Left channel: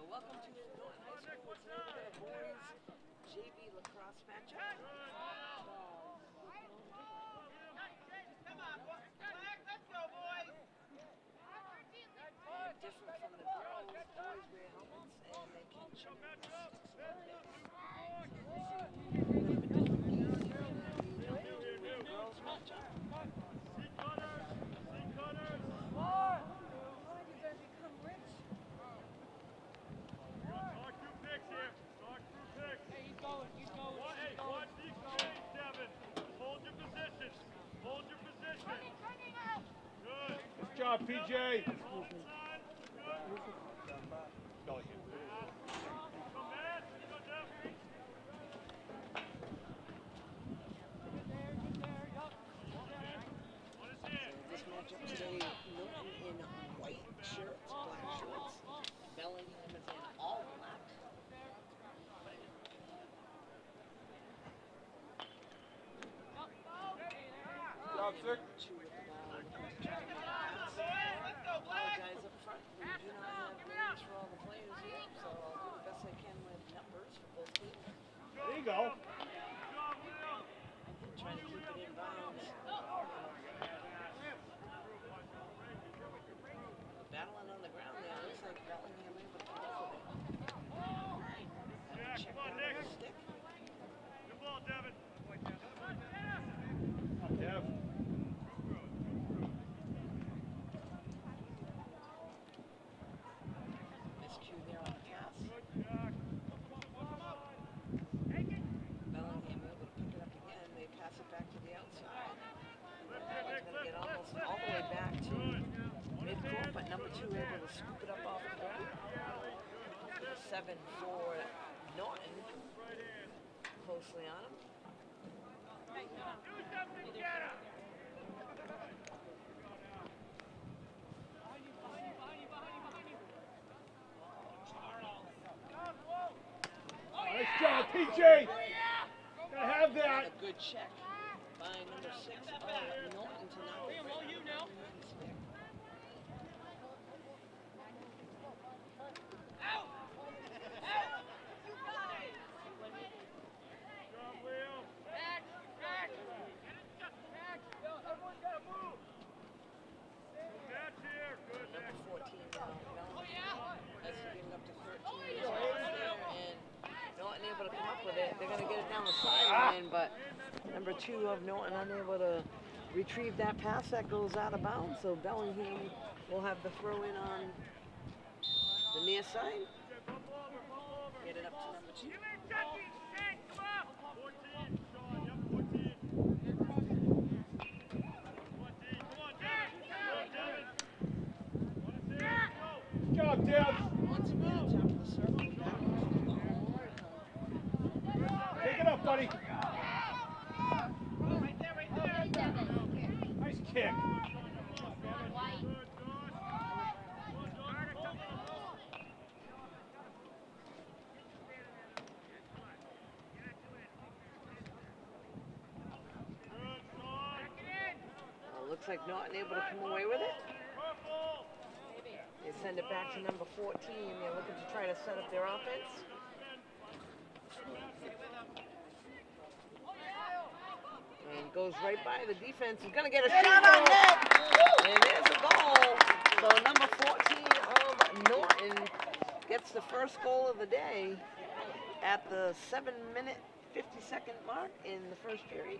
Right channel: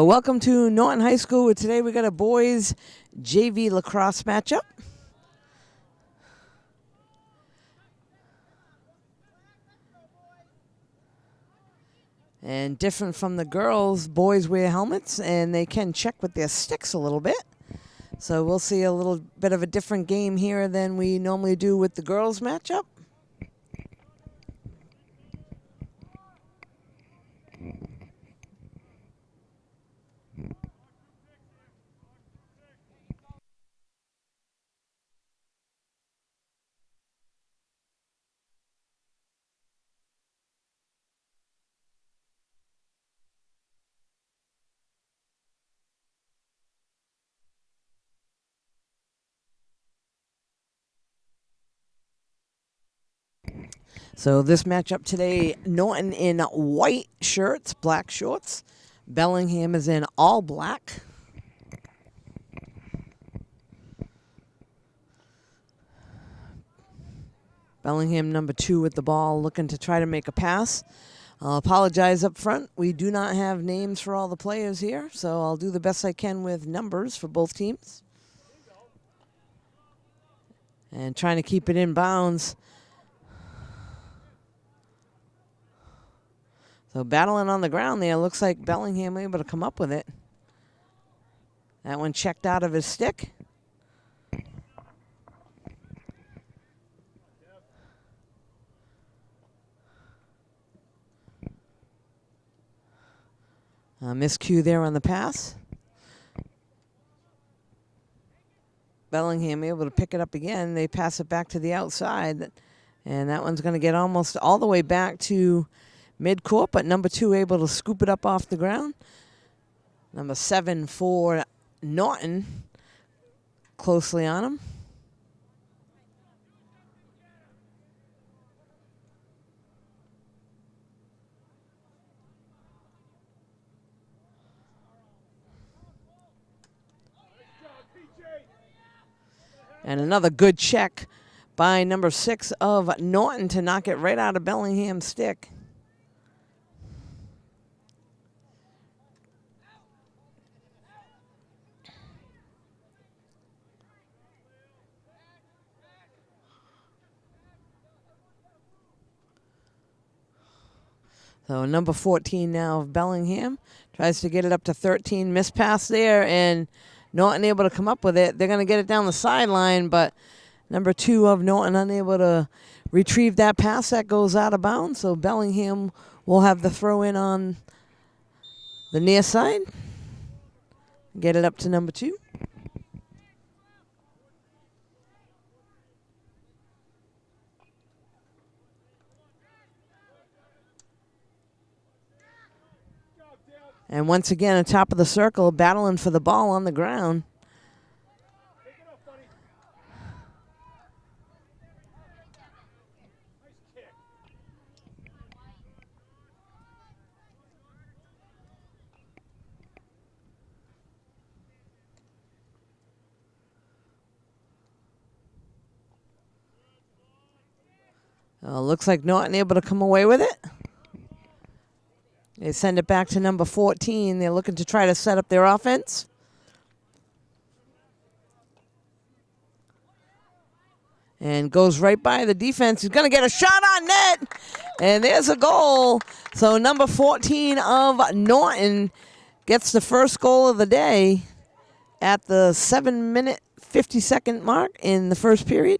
Welcome to Norton High School, where today we got a boys JV lacrosse matchup. And different from the girls, boys wear helmets and they can check with their sticks a little bit. So we'll see a little bit of a different game here than we normally do with the girls matchup. PJ. So this matchup today, Norton in white shirts, black shorts. Bellingham is in all black. Bellingham number 2 with the ball, looking to try to make a pass. I'll apologize up front. We do not have names for all the players here, so I'll do the best I can with numbers for both teams. There you go. And trying to keep it in bounds. So battling on the ground there. Looks like Bellingham able to come up with it. That one checked out of his stick. Miscue there on the pass. Bellingham able to pick it up again. They pass it back to the outside. And that one's going to get almost all the way back to midcourt, but number 2 able to scoop it up off the ground. Number 7 for Norton, closely on him. And another good check by number 6 of Norton to knock it right out of Bellingham's stick. So number 14 now of Bellingham tries to get it up to 13. Missed pass there, and Norton able to come up with it. They're going to get it down the sideline, but number 2 of Norton unable to retrieve that pass. That goes out of bounds, so Bellingham will have the throw in on the near side. Get it up to number 2. And once again, on top of the circle, battling for the ball on the ground. Take it up, buddy. Nice kick. Looks like Norton able to come away with it. They send it back to number 14. They're looking to try to set up their offense. And goes right by the defense. He's going to get a shot on net. And there's a goal. So number 14 of Norton gets the first goal of the day at the 7-minute, 50-second mark in the first period.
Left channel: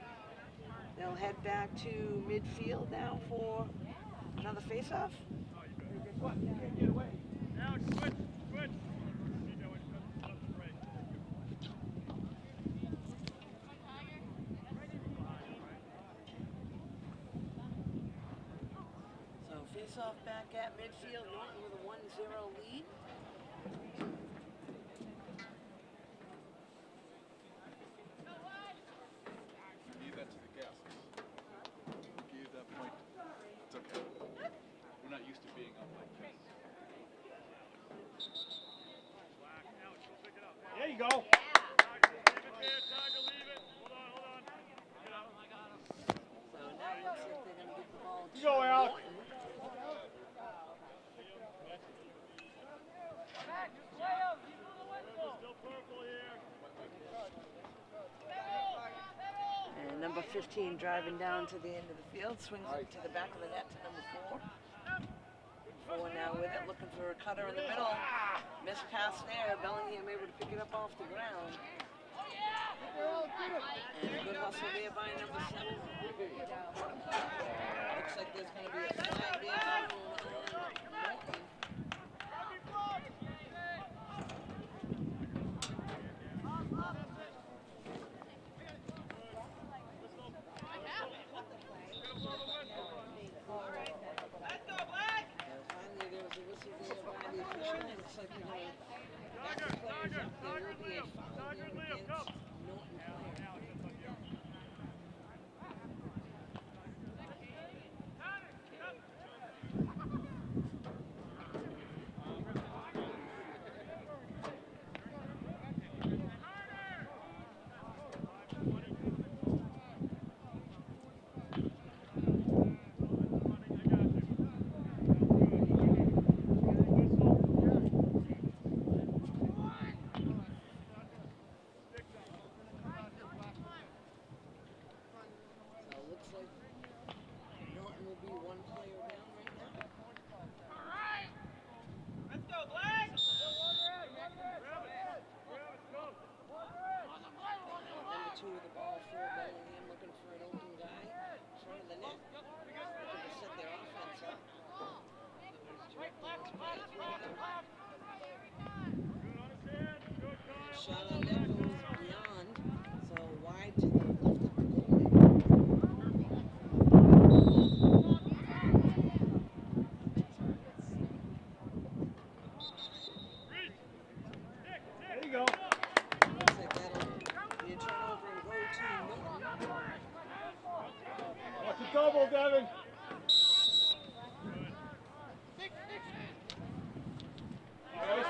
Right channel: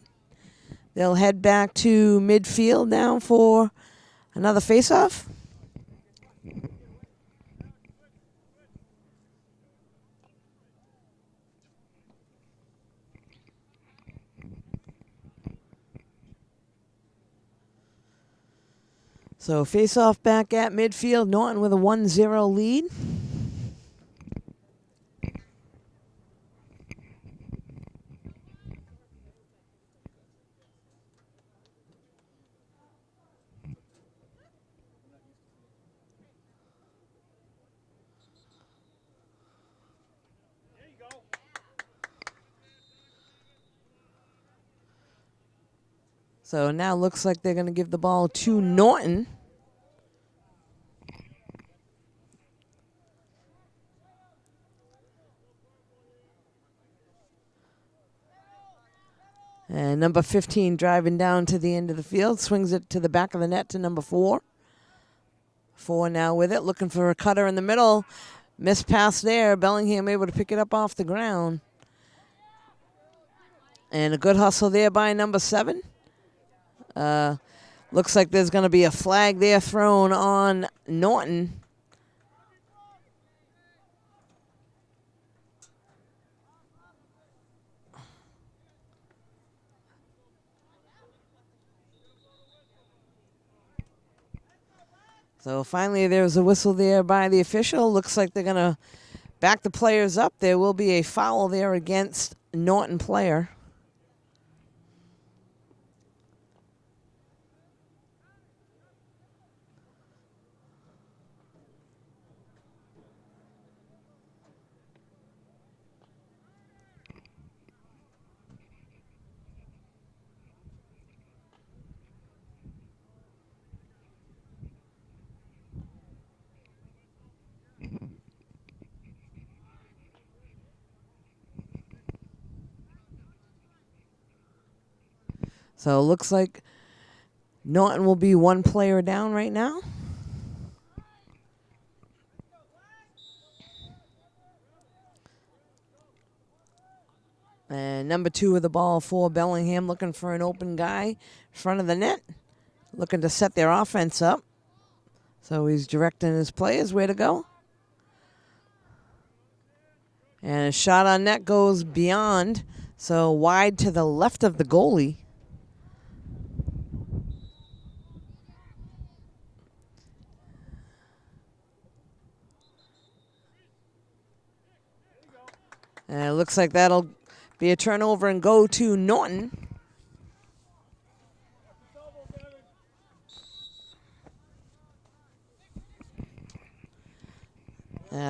They'll head back to midfield now for another faceoff. So face-off back at midfield. Norton with a 1-0 lead. There you go. So now looks like they're going to give the ball to Norton. And number 15 driving down to the end of the field, swings it to the back of the net to number 4. 4 now with it, looking for a cutter in the middle. Missed pass there. Bellingham able to pick it up off the ground. And a good hustle there by number 7. Looks like there's going to be a flag there thrown on Norton. So finally there's a whistle there by the official. Looks like they're going to back the players up. There will be a foul there against Norton player. So it looks like Norton will be 1 player down right now. And number 2 with the ball for Bellingham, looking for an open guy in front of the net, looking to set their offense up. So he's directing his players where to go. And a shot on net goes beyond, so wide to the left of the goalie. And it looks like that'll be a turnover and go to Norton. Watch the double, Devin.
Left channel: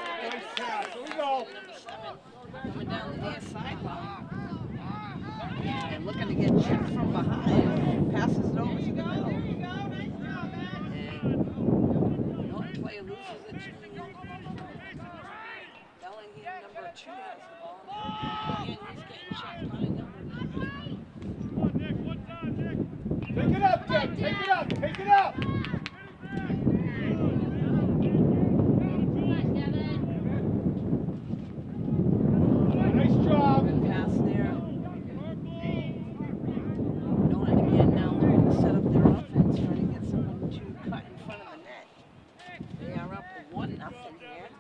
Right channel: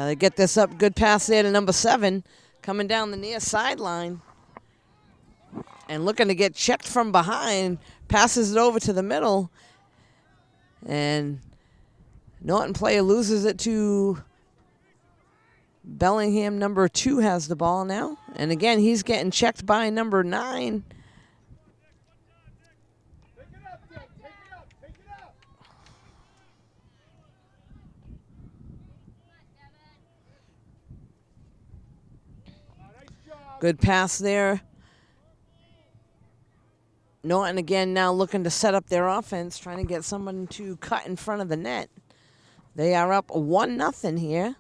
They get this up, good pass there to number 7, coming down the near sideline. And looking to get checked from behind, passes it over to the middle. And Norton player loses it to Bellingham. Number 2 has the ball now. And again, he's getting checked by number 9. Take it up, Deb. Take it up. Take it up. Nice job. Good pass there. Norton again now looking to set up their offense, trying to get someone to cut in front of the net. They are up 1-0 here.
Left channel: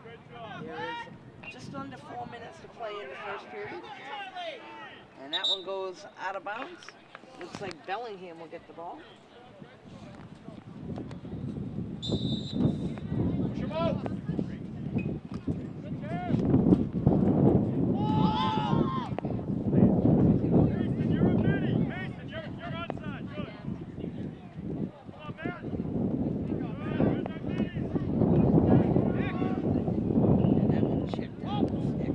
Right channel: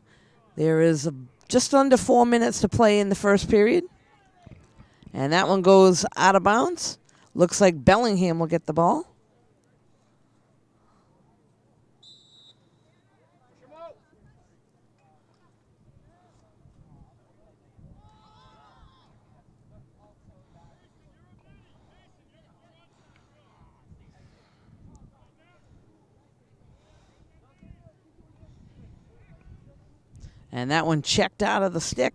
There is just under 4 minutes to play in the first period. And that one goes out of bounds. Looks like Bellingham will get the ball. And that one checked out of the stick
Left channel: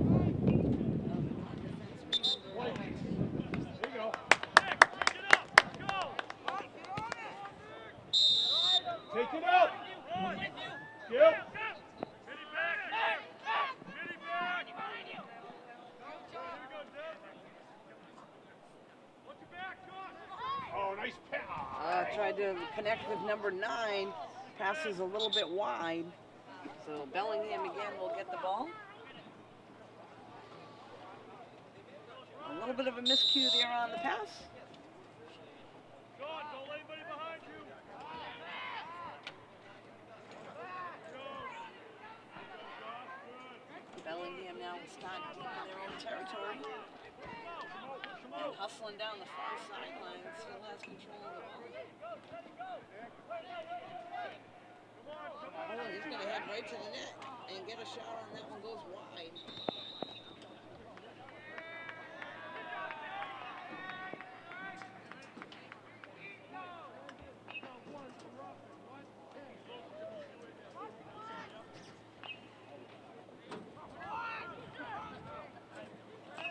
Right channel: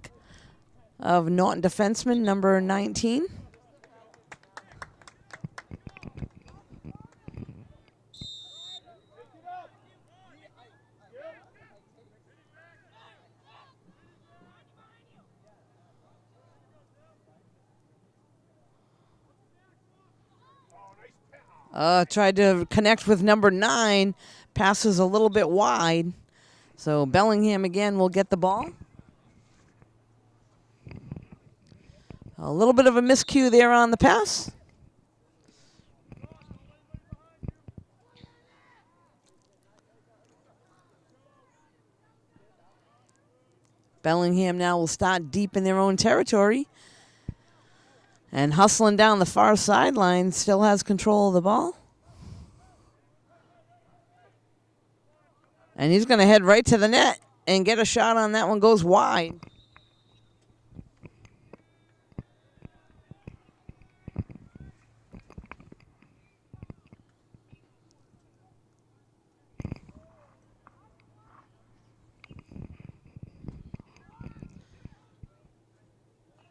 of Norton defenseman, number 19. Take it up. Yep. Oh, nice pass. Tried to connect with number 9. Passes a little bit wide. So Bellingham again will get the ball. A little bit of a miscue there on the pass. Bellingham now will start deep in their own territory. And hustling down the far sideline, still has control of the ball. And he's going to head right to the net and get a shot on that one, goes wide.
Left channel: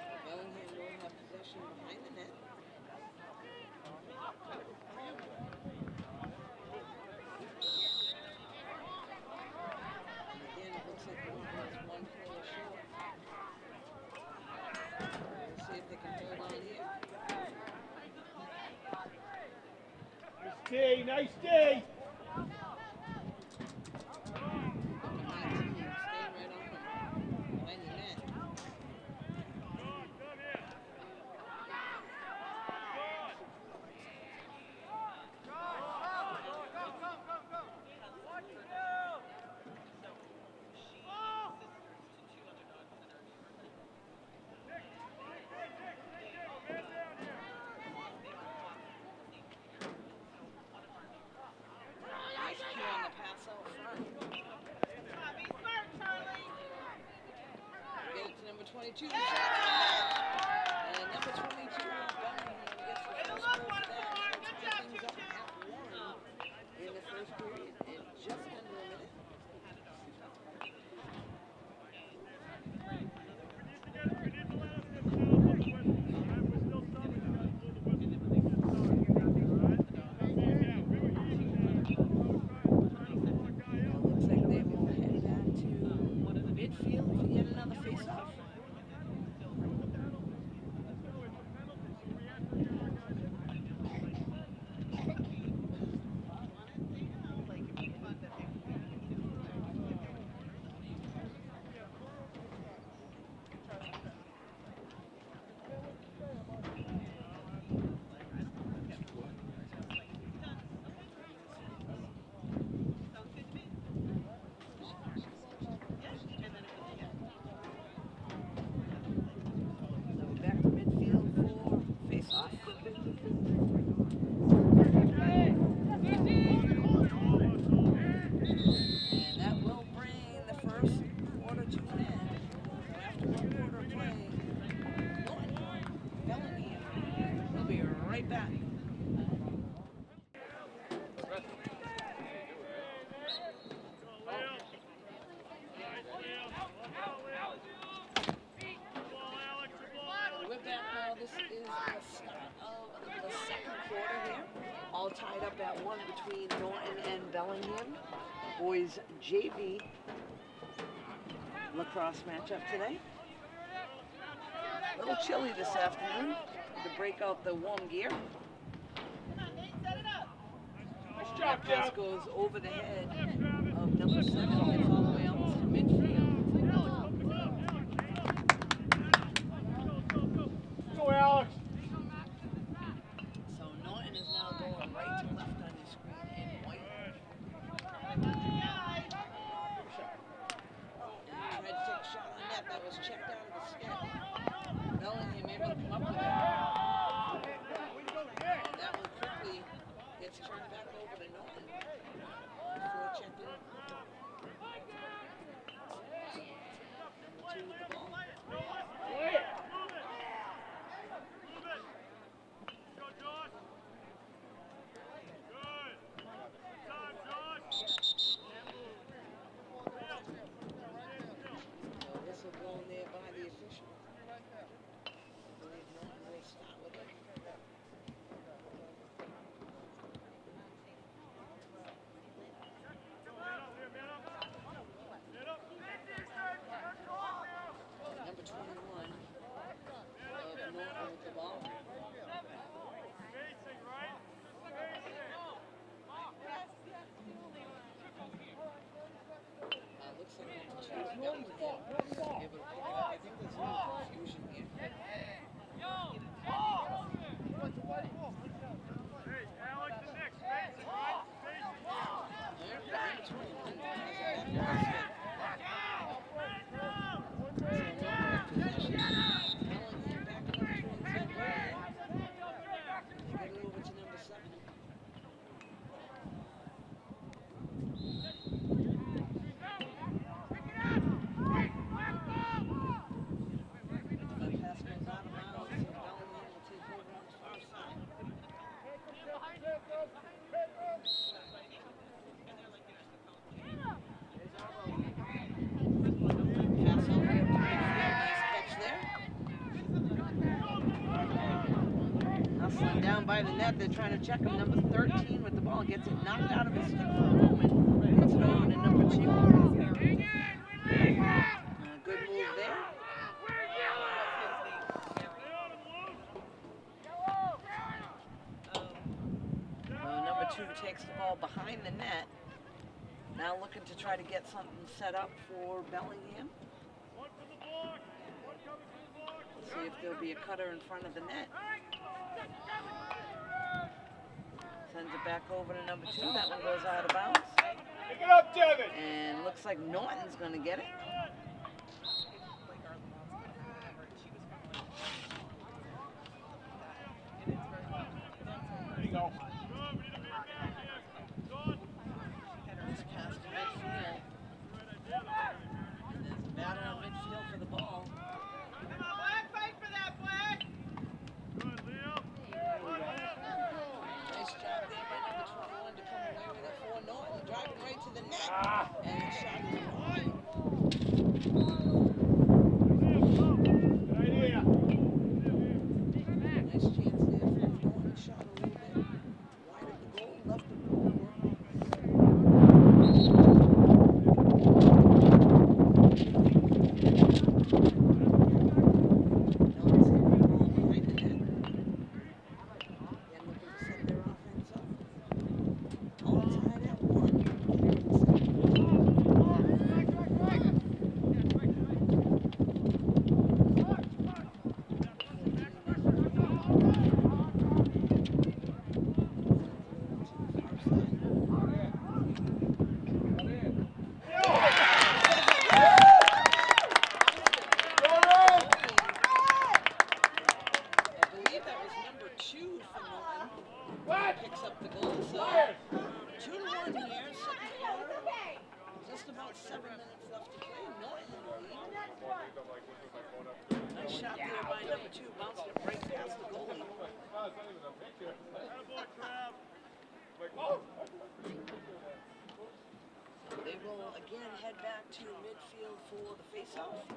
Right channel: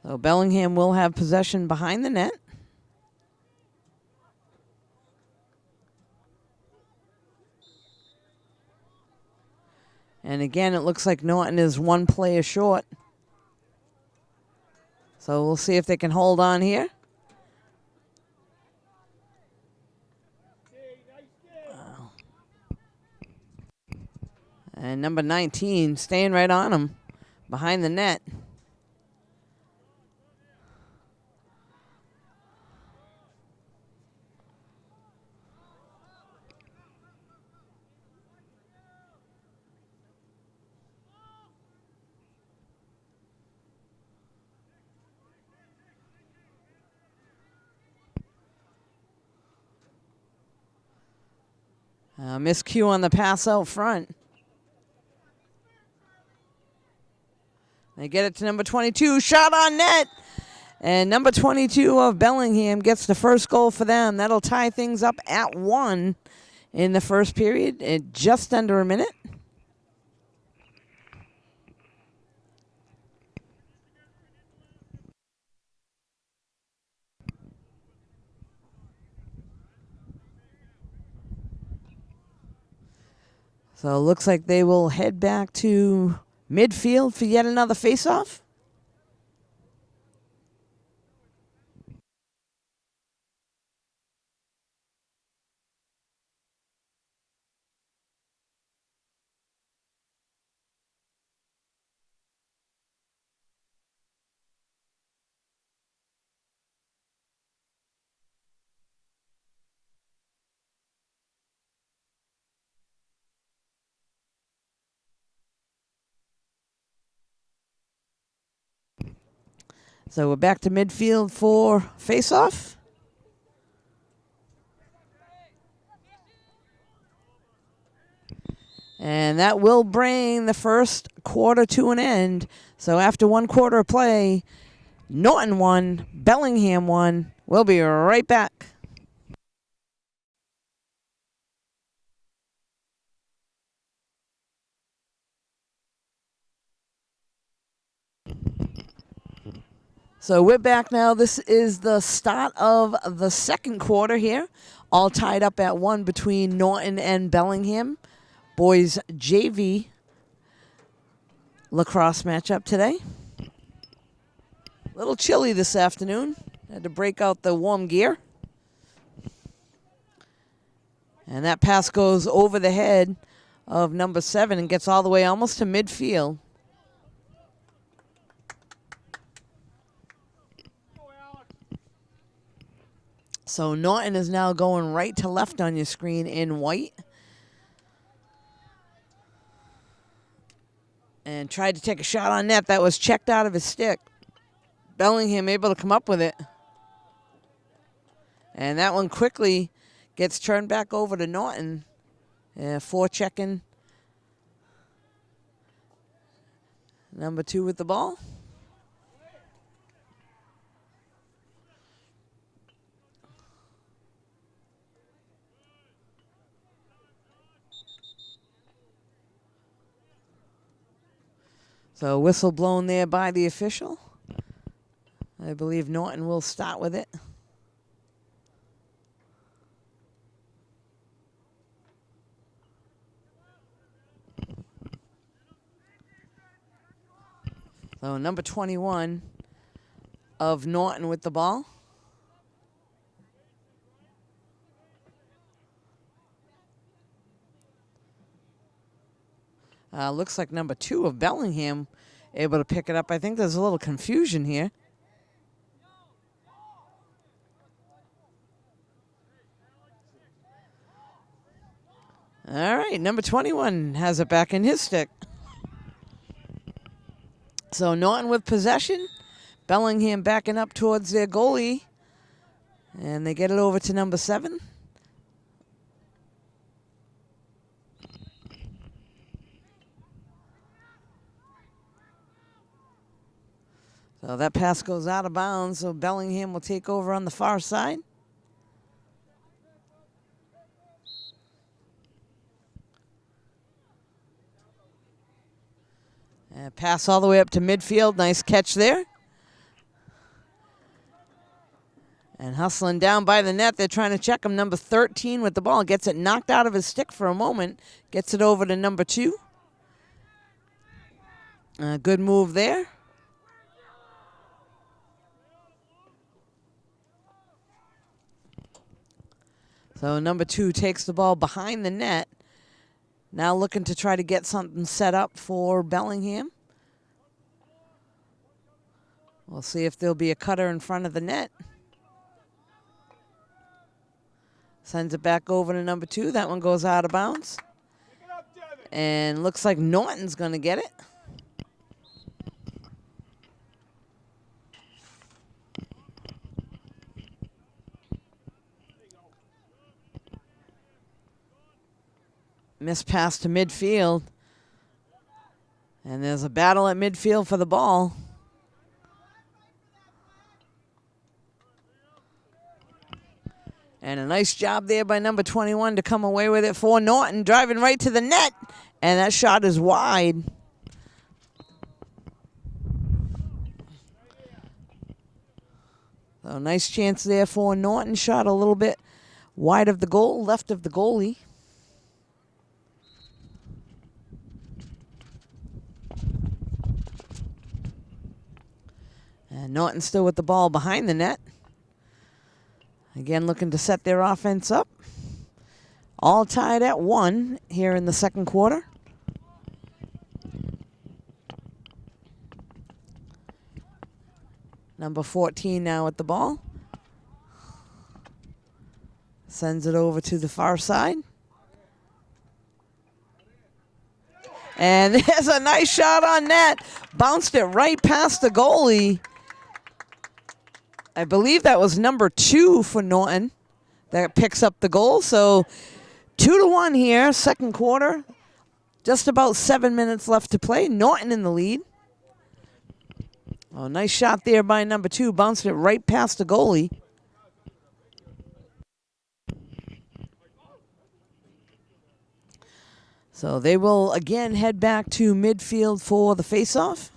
So Bellingham will have possession behind the net. And again, it looks like Norton is 1 player short. So we'll see if they can hold on here. nice D. And number 19 staying right on him behind the net. Miscue on the pass out front. They get it to number 22, shot on net. And number 22 of Bellingham gets the first goal for them. That'll tie things up at 1 in the first period in just under a minute. So it looks like they will head back to midfield for yet another faceoff. So we're back to midfield for faceoff. And that will bring the first quarter to an end. So after 1 quarter of play, Norton won, Bellingham won. We'll be right back. So we're back now. This is the start of the second quarter here. All tied up at 1 between Norton and Bellingham. Boys JV lacrosse matchup today. A little chilly this afternoon. Had to break out the warm gear. And that pass goes over the head of number 7 and gets all the way almost to midfield. So Norton is now going right to left on your screen in white. And tried to take a shot on net. That was checked out of his stick. Bellingham able to come up with it. And that one quickly gets turned back over to Norton. Forechecking. Number 2 with the ball. So whistle blown there by the official. I believe Norton will start with it. So number 21 of Norton with the ball. Looks like number 2 of Bellingham able to pick it up. I think there's a little confusion here. All right, number 21 has it back in his stick. So Norton with possession. Bellingham backing up towards their goalie. And they get it over to number 7. So that pass goes out of bounds, so Bellingham will take over on the far side. And pass all the way up to midfield. Nice catch there. And hustling down by the net. They're trying to check him. Number 13 with the ball. Gets it knocked out of his stick for a moment. Gets it over to number 2. Good move there. So number 2 takes the ball behind the net. Now looking to try to get something set up for Bellingham. We'll see if there'll be a cutter in front of the net. Sends it back over to number 2. That one goes out of bounds. And looks like Norton's going to get it. Missed pass to midfield. And there's a battle at midfield for the ball. And a nice job there by number 21 to come away with it for Norton, driving right to the net. And that shot is wide. A nice chance there for Norton. Shot a little bit wide of the goal, left of the goalie. And Norton still with the ball behind the net. Again, looking to set their offense up. All tied at 1 here in the second quarter. Number 14 now at the ball. Sends it over to the far side. And there's a nice shot on net. Bounced it right past the goalie. I believe that was number 2 for Norton that picks up the goal. So 2-1 here, second quarter. Just about 7 minutes left to play. Norton in the lead. Oh, nice shot there by number 2. Bounced it right past the goalie. So they will again head back to midfield for the faceoff.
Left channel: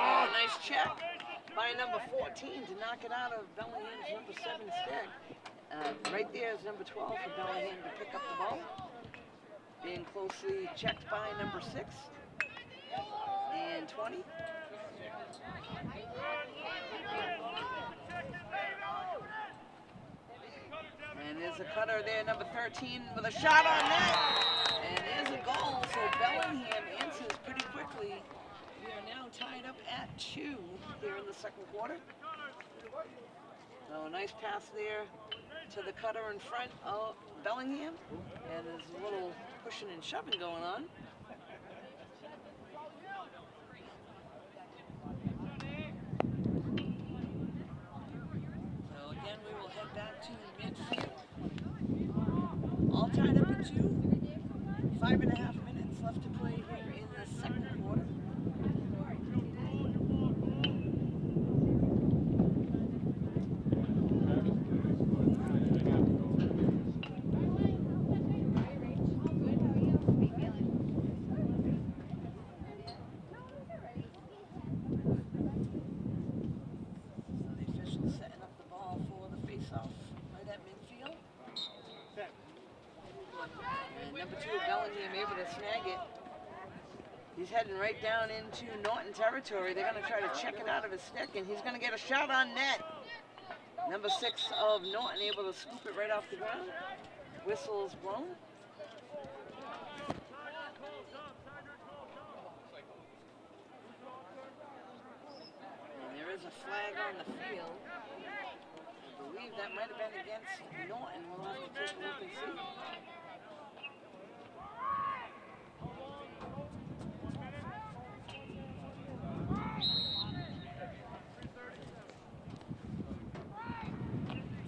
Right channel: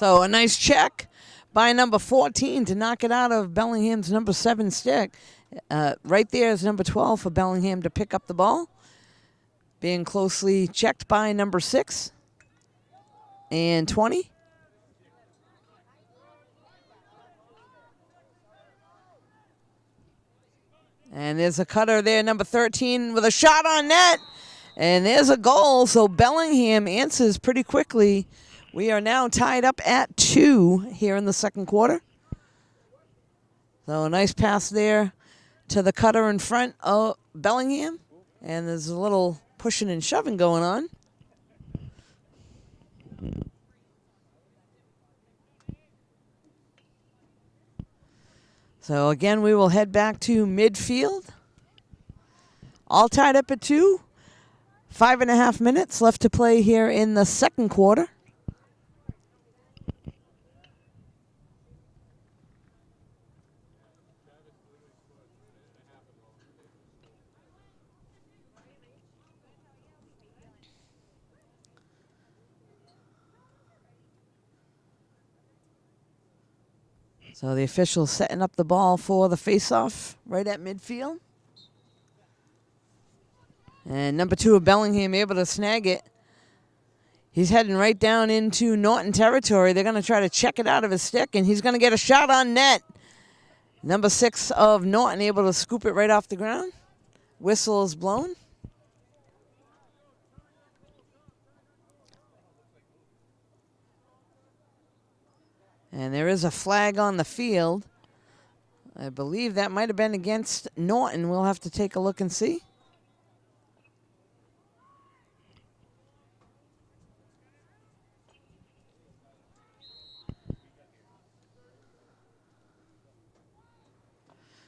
So a nice check by number 14 to knock it out of Bellingham's number 7 stick. Right there is number 12 for Bellingham to pick up the ball. Being closely checked by number 6 and 20. And there's a cutter there, number 13 with a shot on net. And there's a goal, so Bellingham answers pretty quickly. We are now tied up at 2 here in the second quarter. So a nice pass there to the cutter in front of Bellingham. And there's a little pushing and shoving going on. So again, we will head back to midfield. All tied up at 2. 5.5 minutes left to play here in the second quarter. So the officials setting up the ball for the faceoff right at midfield. And number 2 of Bellingham able to snag it. He's heading right down into Norton territory. They're going to try to check it out of his stick, and he's going to get a shot on net. Number 6 of Norton able to scoop it right off the ground. Whistle is blown. And there is a flag on the field. I believe that might have been against Norton. We'll have to take a look and see.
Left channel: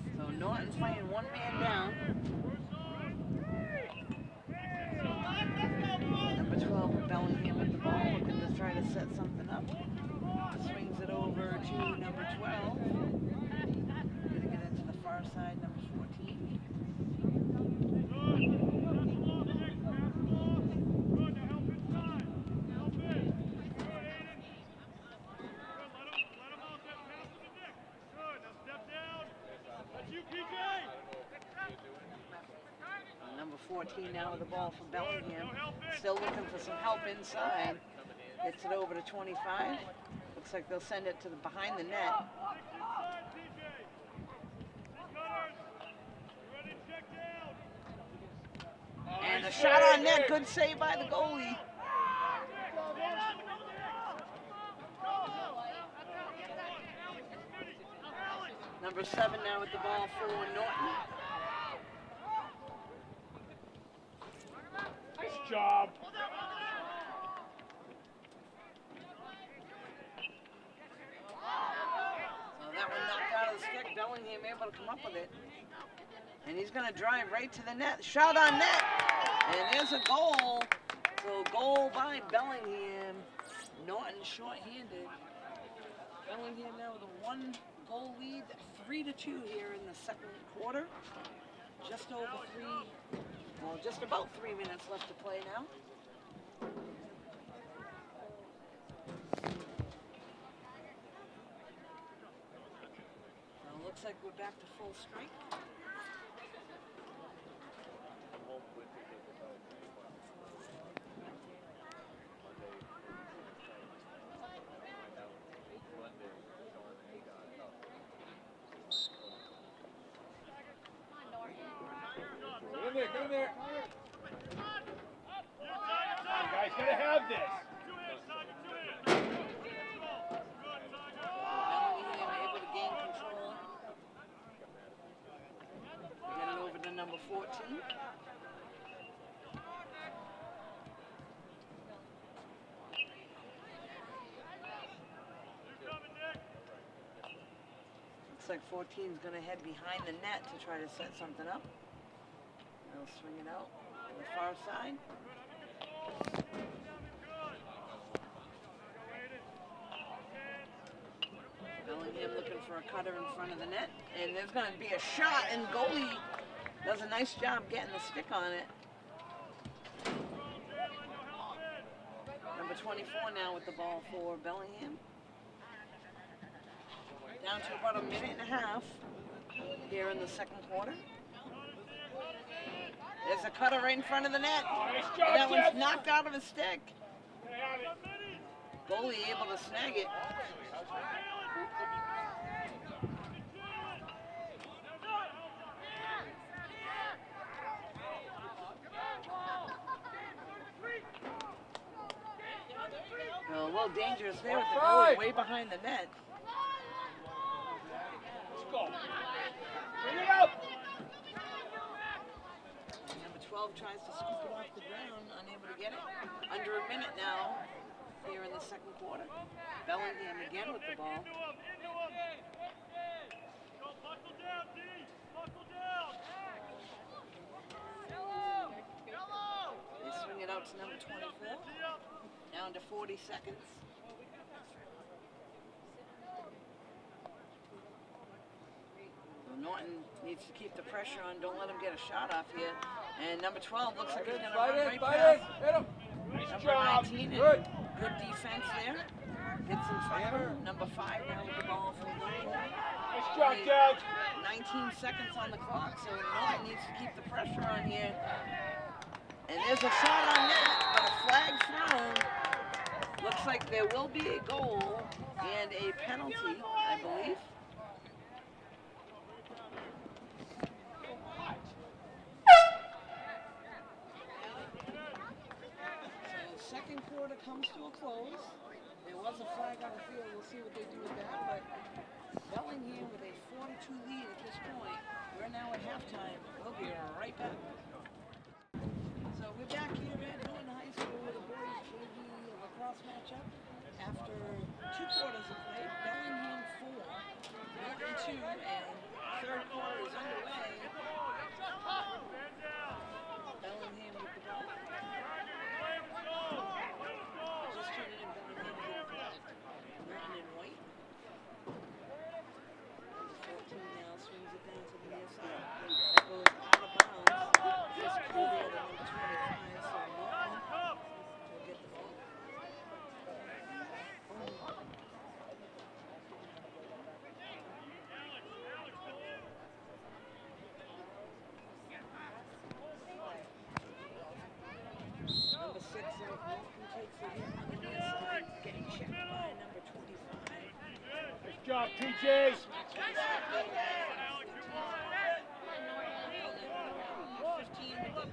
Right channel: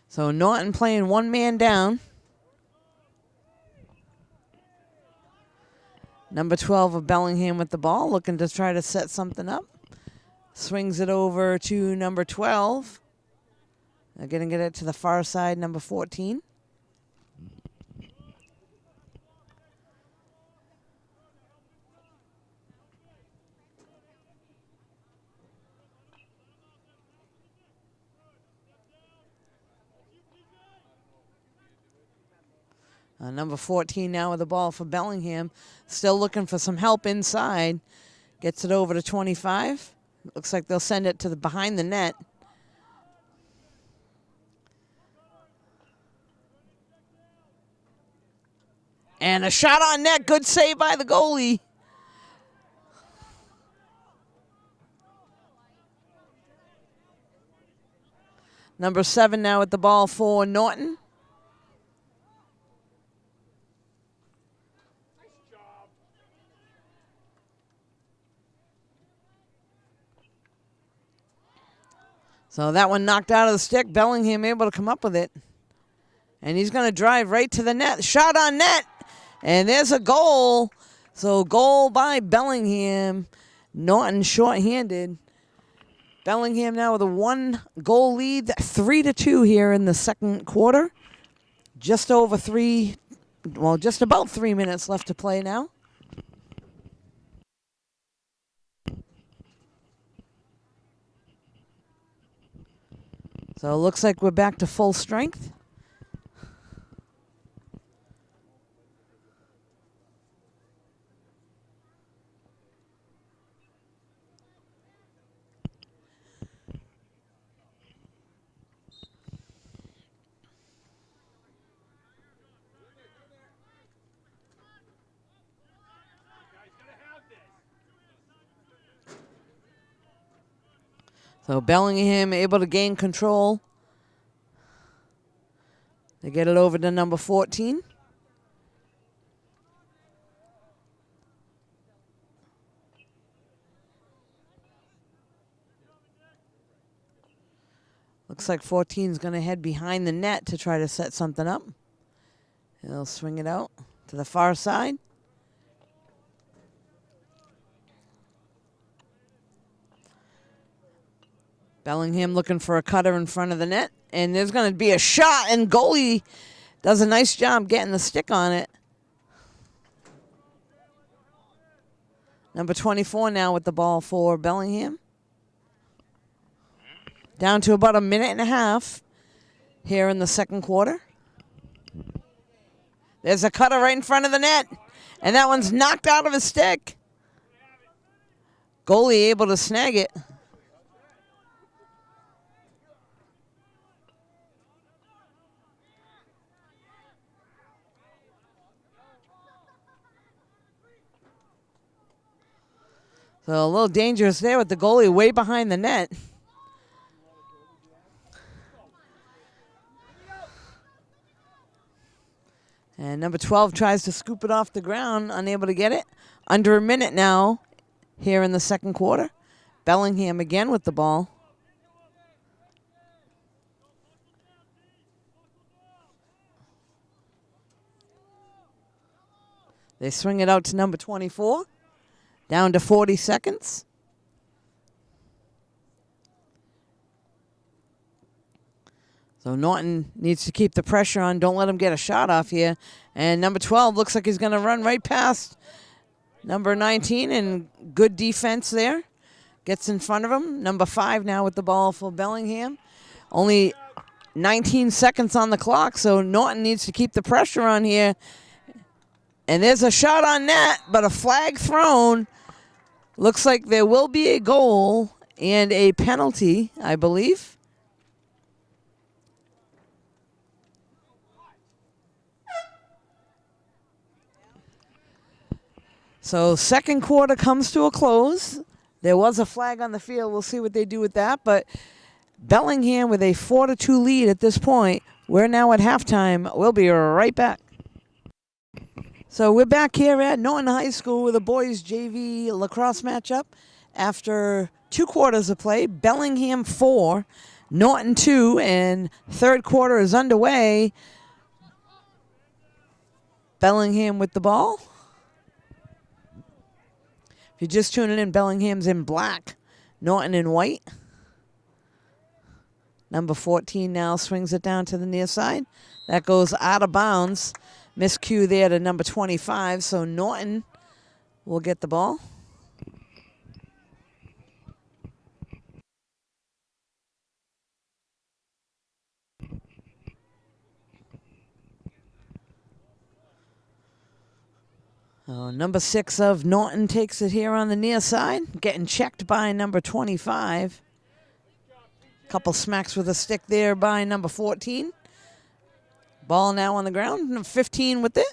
So Norton playing one man down. Number 12 of Bellingham with the ball, looking to try to set something up. Swings it over to number 12. They're going to get it to the far side, number 14. Number 14 now with the ball for Bellingham. Still looking for some help inside. Gets it over to 25. Looks like they'll send it to the behind the net. And a shot on net. Good save by the goalie. Number 7 now with the ball for Norton. So that one knocked out of the stick. Bellingham able to come up with it. And he's going to drive right to the net. Shot on net. And there's a goal. So goal by Bellingham. Norton shorthanded. Bellingham now with a 1-goal lead. 3-2 here in the second quarter. Just about 3 minutes left to play now. So it looks like we're back to full strength. Get in there. You guys gotta have this. So Bellingham able to gain control. They get it over to number 14. Looks like 14 is going to head behind the net to try to set something up. They'll swing it out to the far side. Bellingham looking for a cutter in front of the net. And there's going to be a shot, and goalie does a nice job getting the stick on it. Number 24 now with the ball for Bellingham. Down to about a minute and a half here in the second quarter. There's a cutter right in front of the net, and that one's knocked out of his stick. Goalie able to snag it. So a little dangerous there with the goalie way behind the net. And number 12 tries to scoop it off the ground, unable to get it. Under a minute now here in the second quarter. Bellingham again with the ball. They swing it out to number 24. Down to 40 seconds. So Norton needs to keep the pressure on. Don't let him get a shot off here. And number 12 looks like he's going to run right past number 19, and good defense there. Gets in front of him. Number 5 now with the ball for Bellingham. Only 19 seconds on the clock, so Norton needs to keep the pressure on here. And there's a shot on net, but a flag thrown. Looks like there will be a goal and a penalty, I believe. So second quarter comes to a close. There was a flag on the field. We'll see what they do with that. But Bellingham with a 4-2 lead at this point. We're now at halftime. We'll be right back. So we're back here at Norton High School with a boys JV lacrosse matchup. After 2 quarters of play, Bellingham 4, Norton 2, and third quarter is underway. Bellingham with the ball. If you're just tuning in, Bellingham's in black Norton in white. Number 14 now swings it down to the near side. That goes out of bounds. Miscue there to number 25, so Norton will get the ball. Number 6 of Norton takes it here on the near side, getting checked by number 25. Couple smacks with a stick there by number 14. Ball now on the ground, number 15 with it.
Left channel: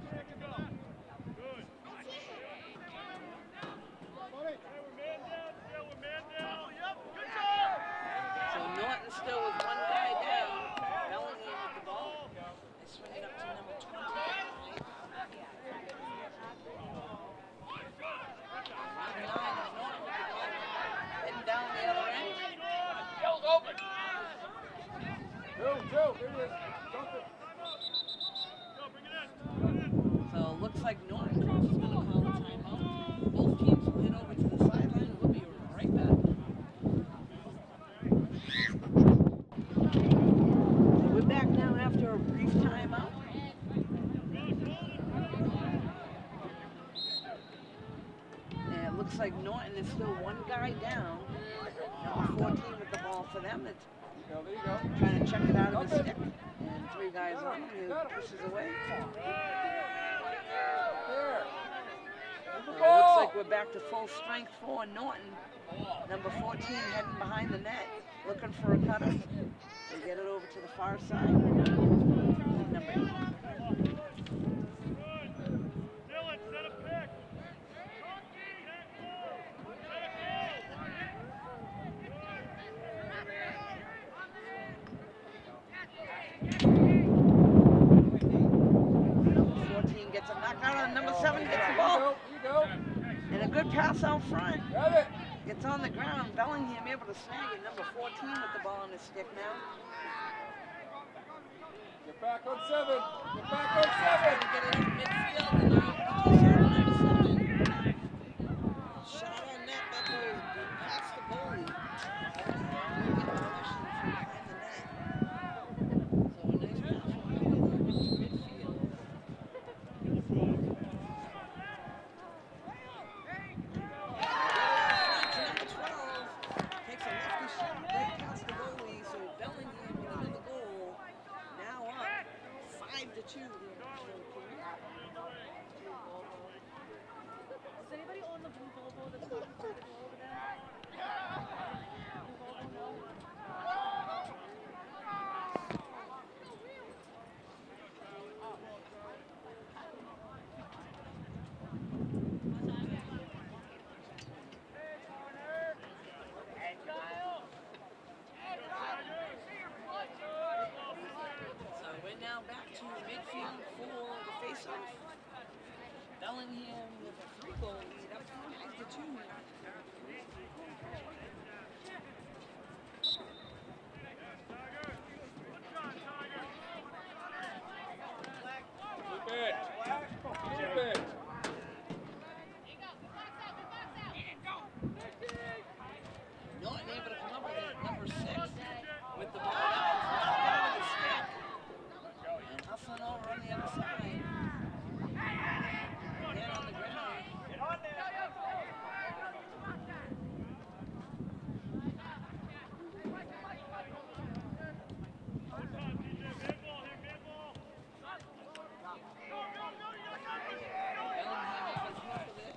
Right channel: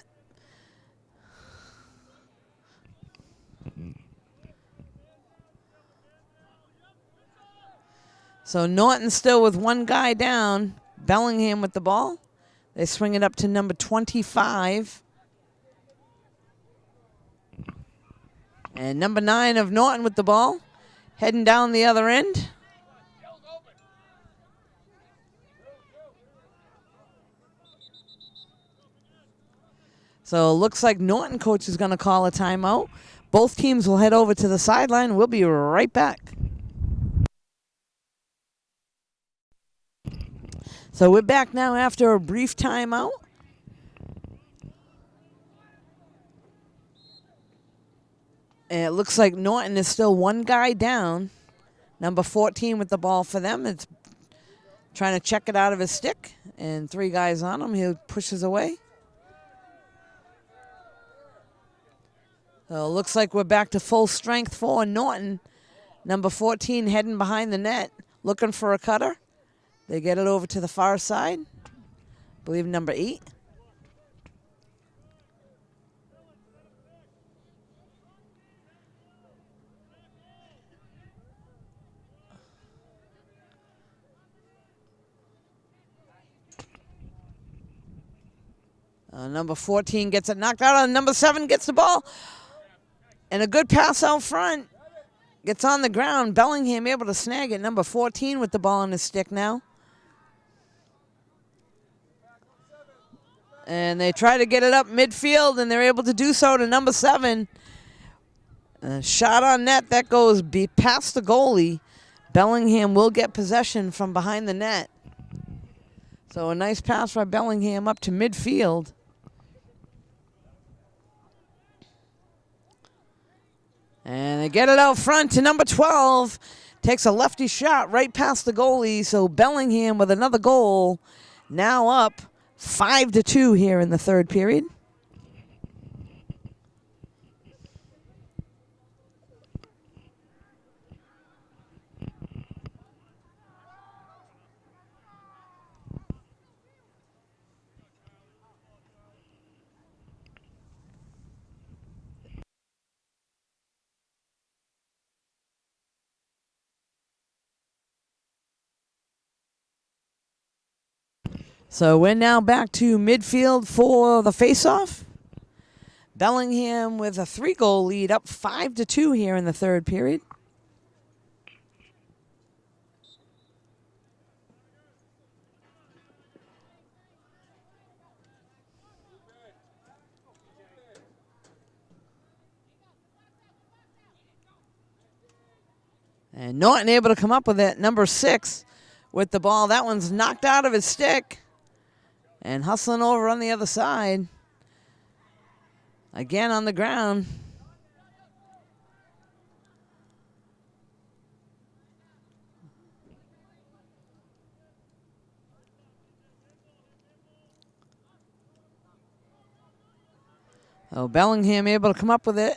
So Norton still with one guy down. Bellingham with the ball. They swing it up to number 25. And number 9 of Norton with the ball, heading down the other end. So it looks like Norton coach is going to call a timeout. Both teams will head over to the sideline. We'll be right back. So we're back now after a brief timeout. And it looks like Norton is still one guy down. Number 14 with the ball for them. It's trying to check it out of his stick. And 3 guys on him. He pushes away. So it looks like we're back to full strength for Norton. Number 14 heading behind the net, looking for a cutter. They get it over to the far side. I believe number 8. Number 14 gets it knocked out on. Number 7 gets the ball. And a good pass out front. Gets on the ground. Bellingham able to snag it. Number 14 with the ball on his stick now. And they try to get it up midfield, and they're able to do so to number 7. A shot on net. That goes past the goalie. Bellingham will get possession from behind the net. So a nice pass by Bellingham up to midfield. And they get it out front to number 12. Takes a lefty shot right past the goalie. So Bellingham with another goal. Now up 5-2 here in the third period. So we're now back to midfield for the faceoff. Bellingham with a 3-goal lead, up 5-2 here in the third period. And Norton able to come up with it. Number 6 with the ball. That one's knocked out of his stick. And hustling over on the other side. Again on the ground. Oh, Bellingham able to come up with it.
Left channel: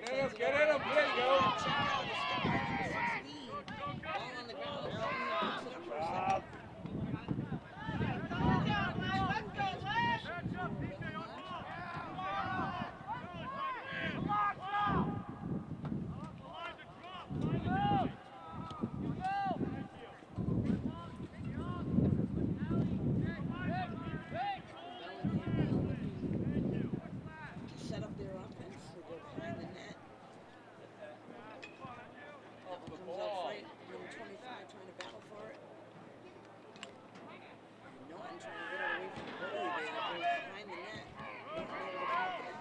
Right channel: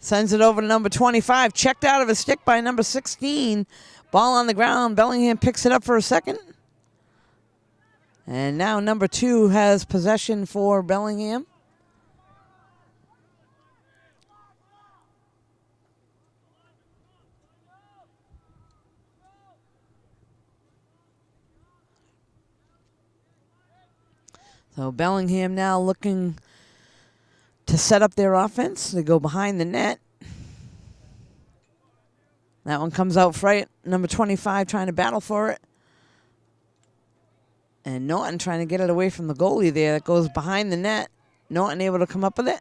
Sends it over to number 25. Checked out of his stick by number 16. Ball on the ground. Bellingham picks it up for a second. And now number 2 has possession for Bellingham. So Bellingham now looking to set up their offense. They go behind the net. That one comes out right. Number 25 trying to battle for it. And Norton trying to get it away from the goalie there. It goes behind the net. Norton able to come up with it.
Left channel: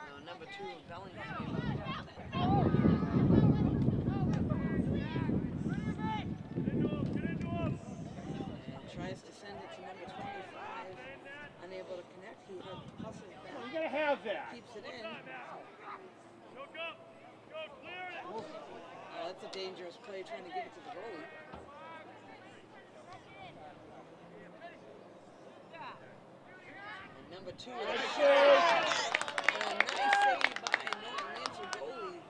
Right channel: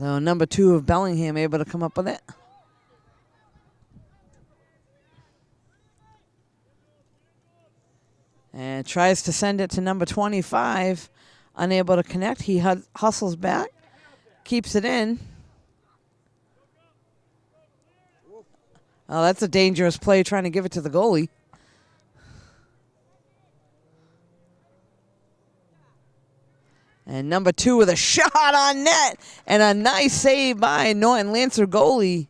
So number 2 of Bellingham able to come up with it. And tries to send it to number 25. Unable to connect. He hustles back. Keeps it in. Oh, that's a dangerous play, trying to give it to the goalie. And number 2 with a shot on net. And a nice save by Norton Lancer goalie.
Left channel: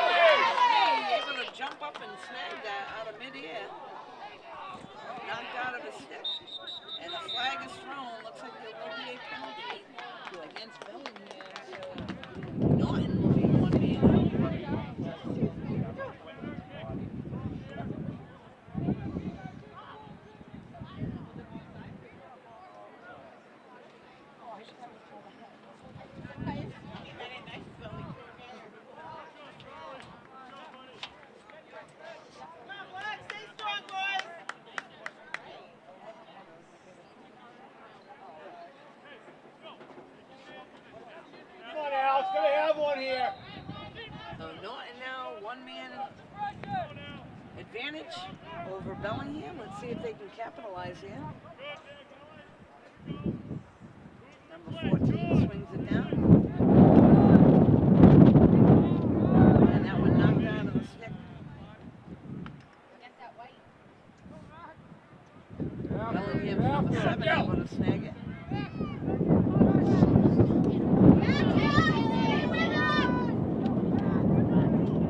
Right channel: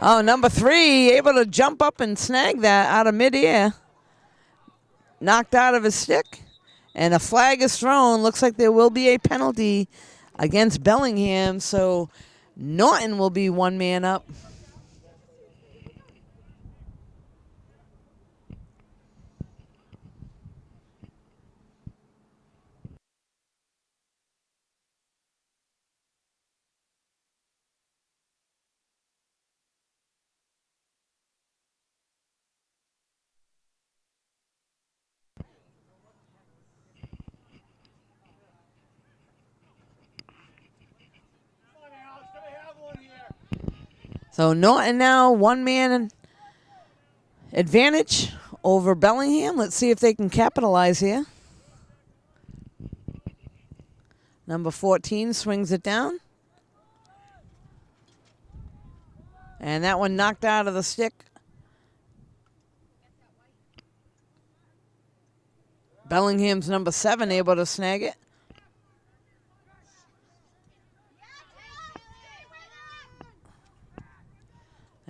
Oh, number 3 able to jump up and snag that out of midair. Knocked out of his stick. And a flag is thrown. Looks like there will be a penalty against Bellingham. So Norton will be 1 man up. So Norton now 1 man advantage over Bellingham. Let's see if they can capitalize here. Number 14 swings it down. And that one knocked out of the stick. Bellingham's number 7 able to snag it.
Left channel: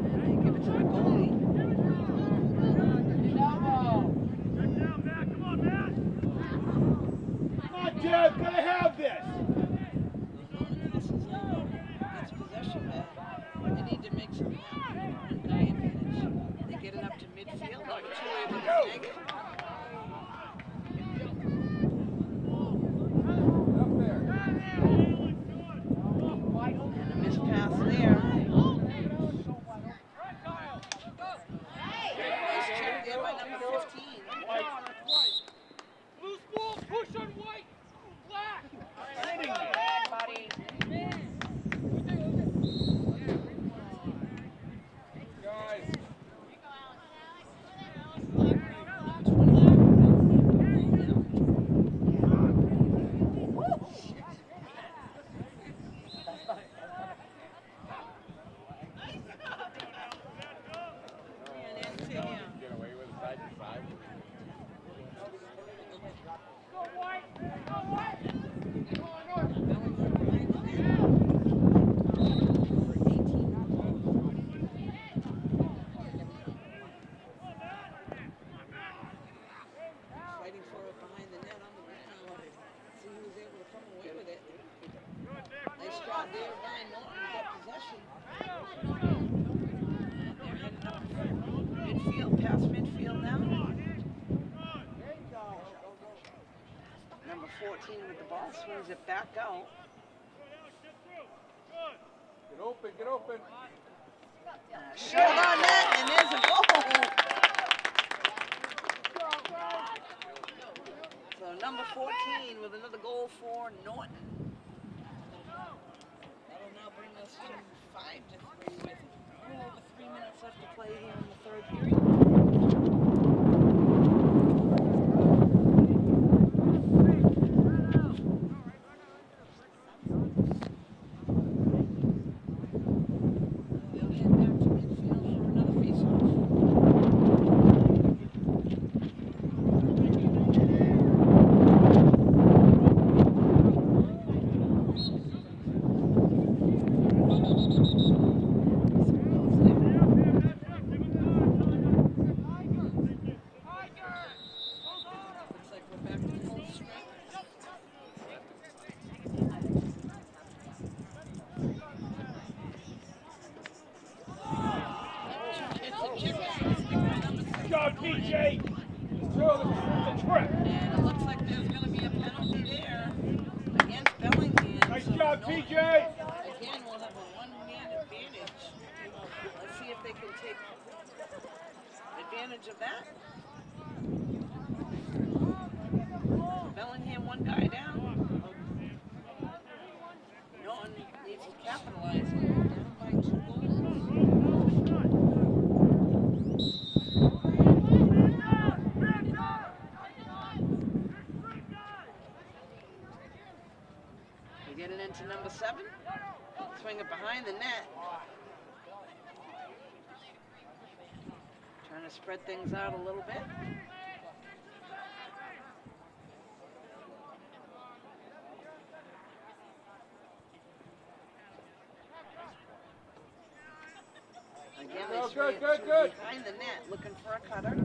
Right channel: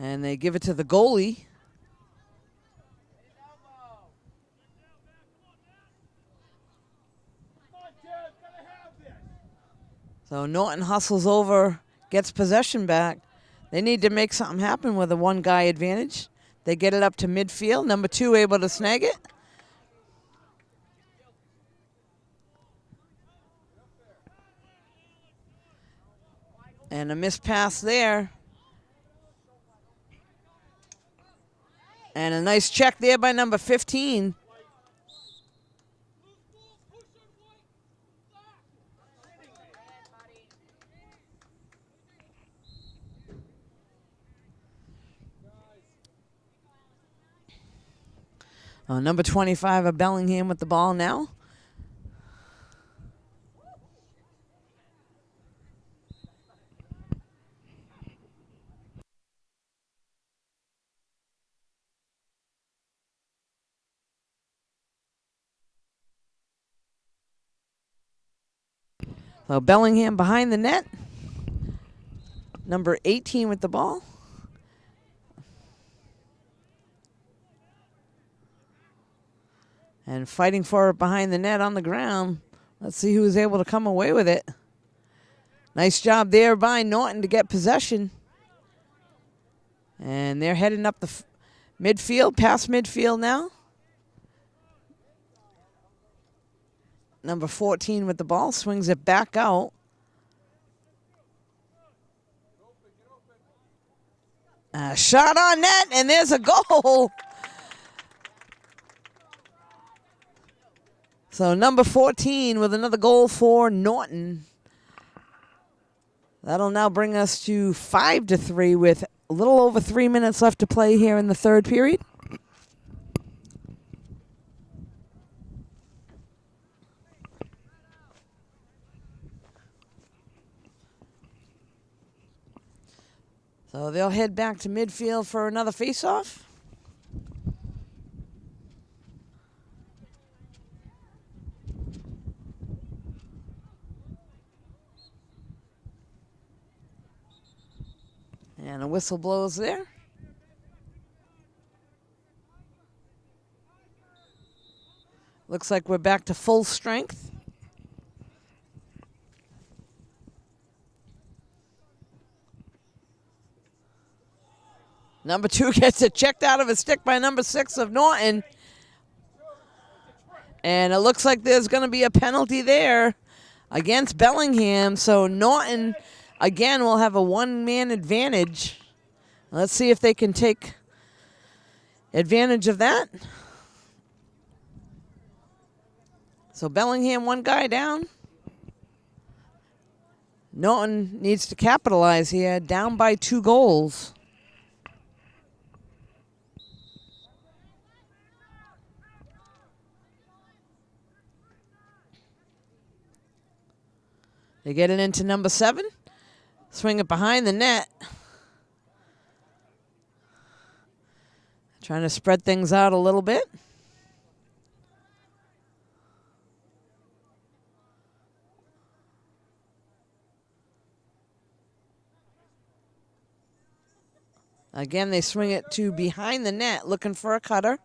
And they give it to the goalie. So Norton hustles over, gets possession back. They need to make something happen with a 1-guy advantage. They get it up to midfield. Number 2 able to snag it. And a missed pass there. And a nice check there by number 15. Number 25 of Bellingham with the ball now. Well, Bellingham behind the net. Number 18 with the ball. And fighting for it behind the net on the ground. Let's see who was able to come away with it. Nice job there by Norton to get possession. And they're heading up the midfield, past midfield now. Number 14 with the ball, swings it back out. Get open. Shot on net, and there's a goal. So number 14 with another goal for Norton. That'll now bring us to 5-3 with a little over 3 minutes left to play here in the 3rd period. So they'll head back to midfield for another face-off. Whistle blows there. Looks like we're back to full strength. Number 2 gets it checked out of his stick by number 6 of Norton. And it looks like there's going to be a penalty there against Bellingham. So Norton, again, will have a 1-man advantage. Let's see if they can take advantage of that. So Bellingham, one guy down. Norton needs to capitalize here, down by 2 goals. They get it into number 7. Swing it behind the net. Trying to spread things out a little bit. Again, they swing it to behind the net, looking for a cutter.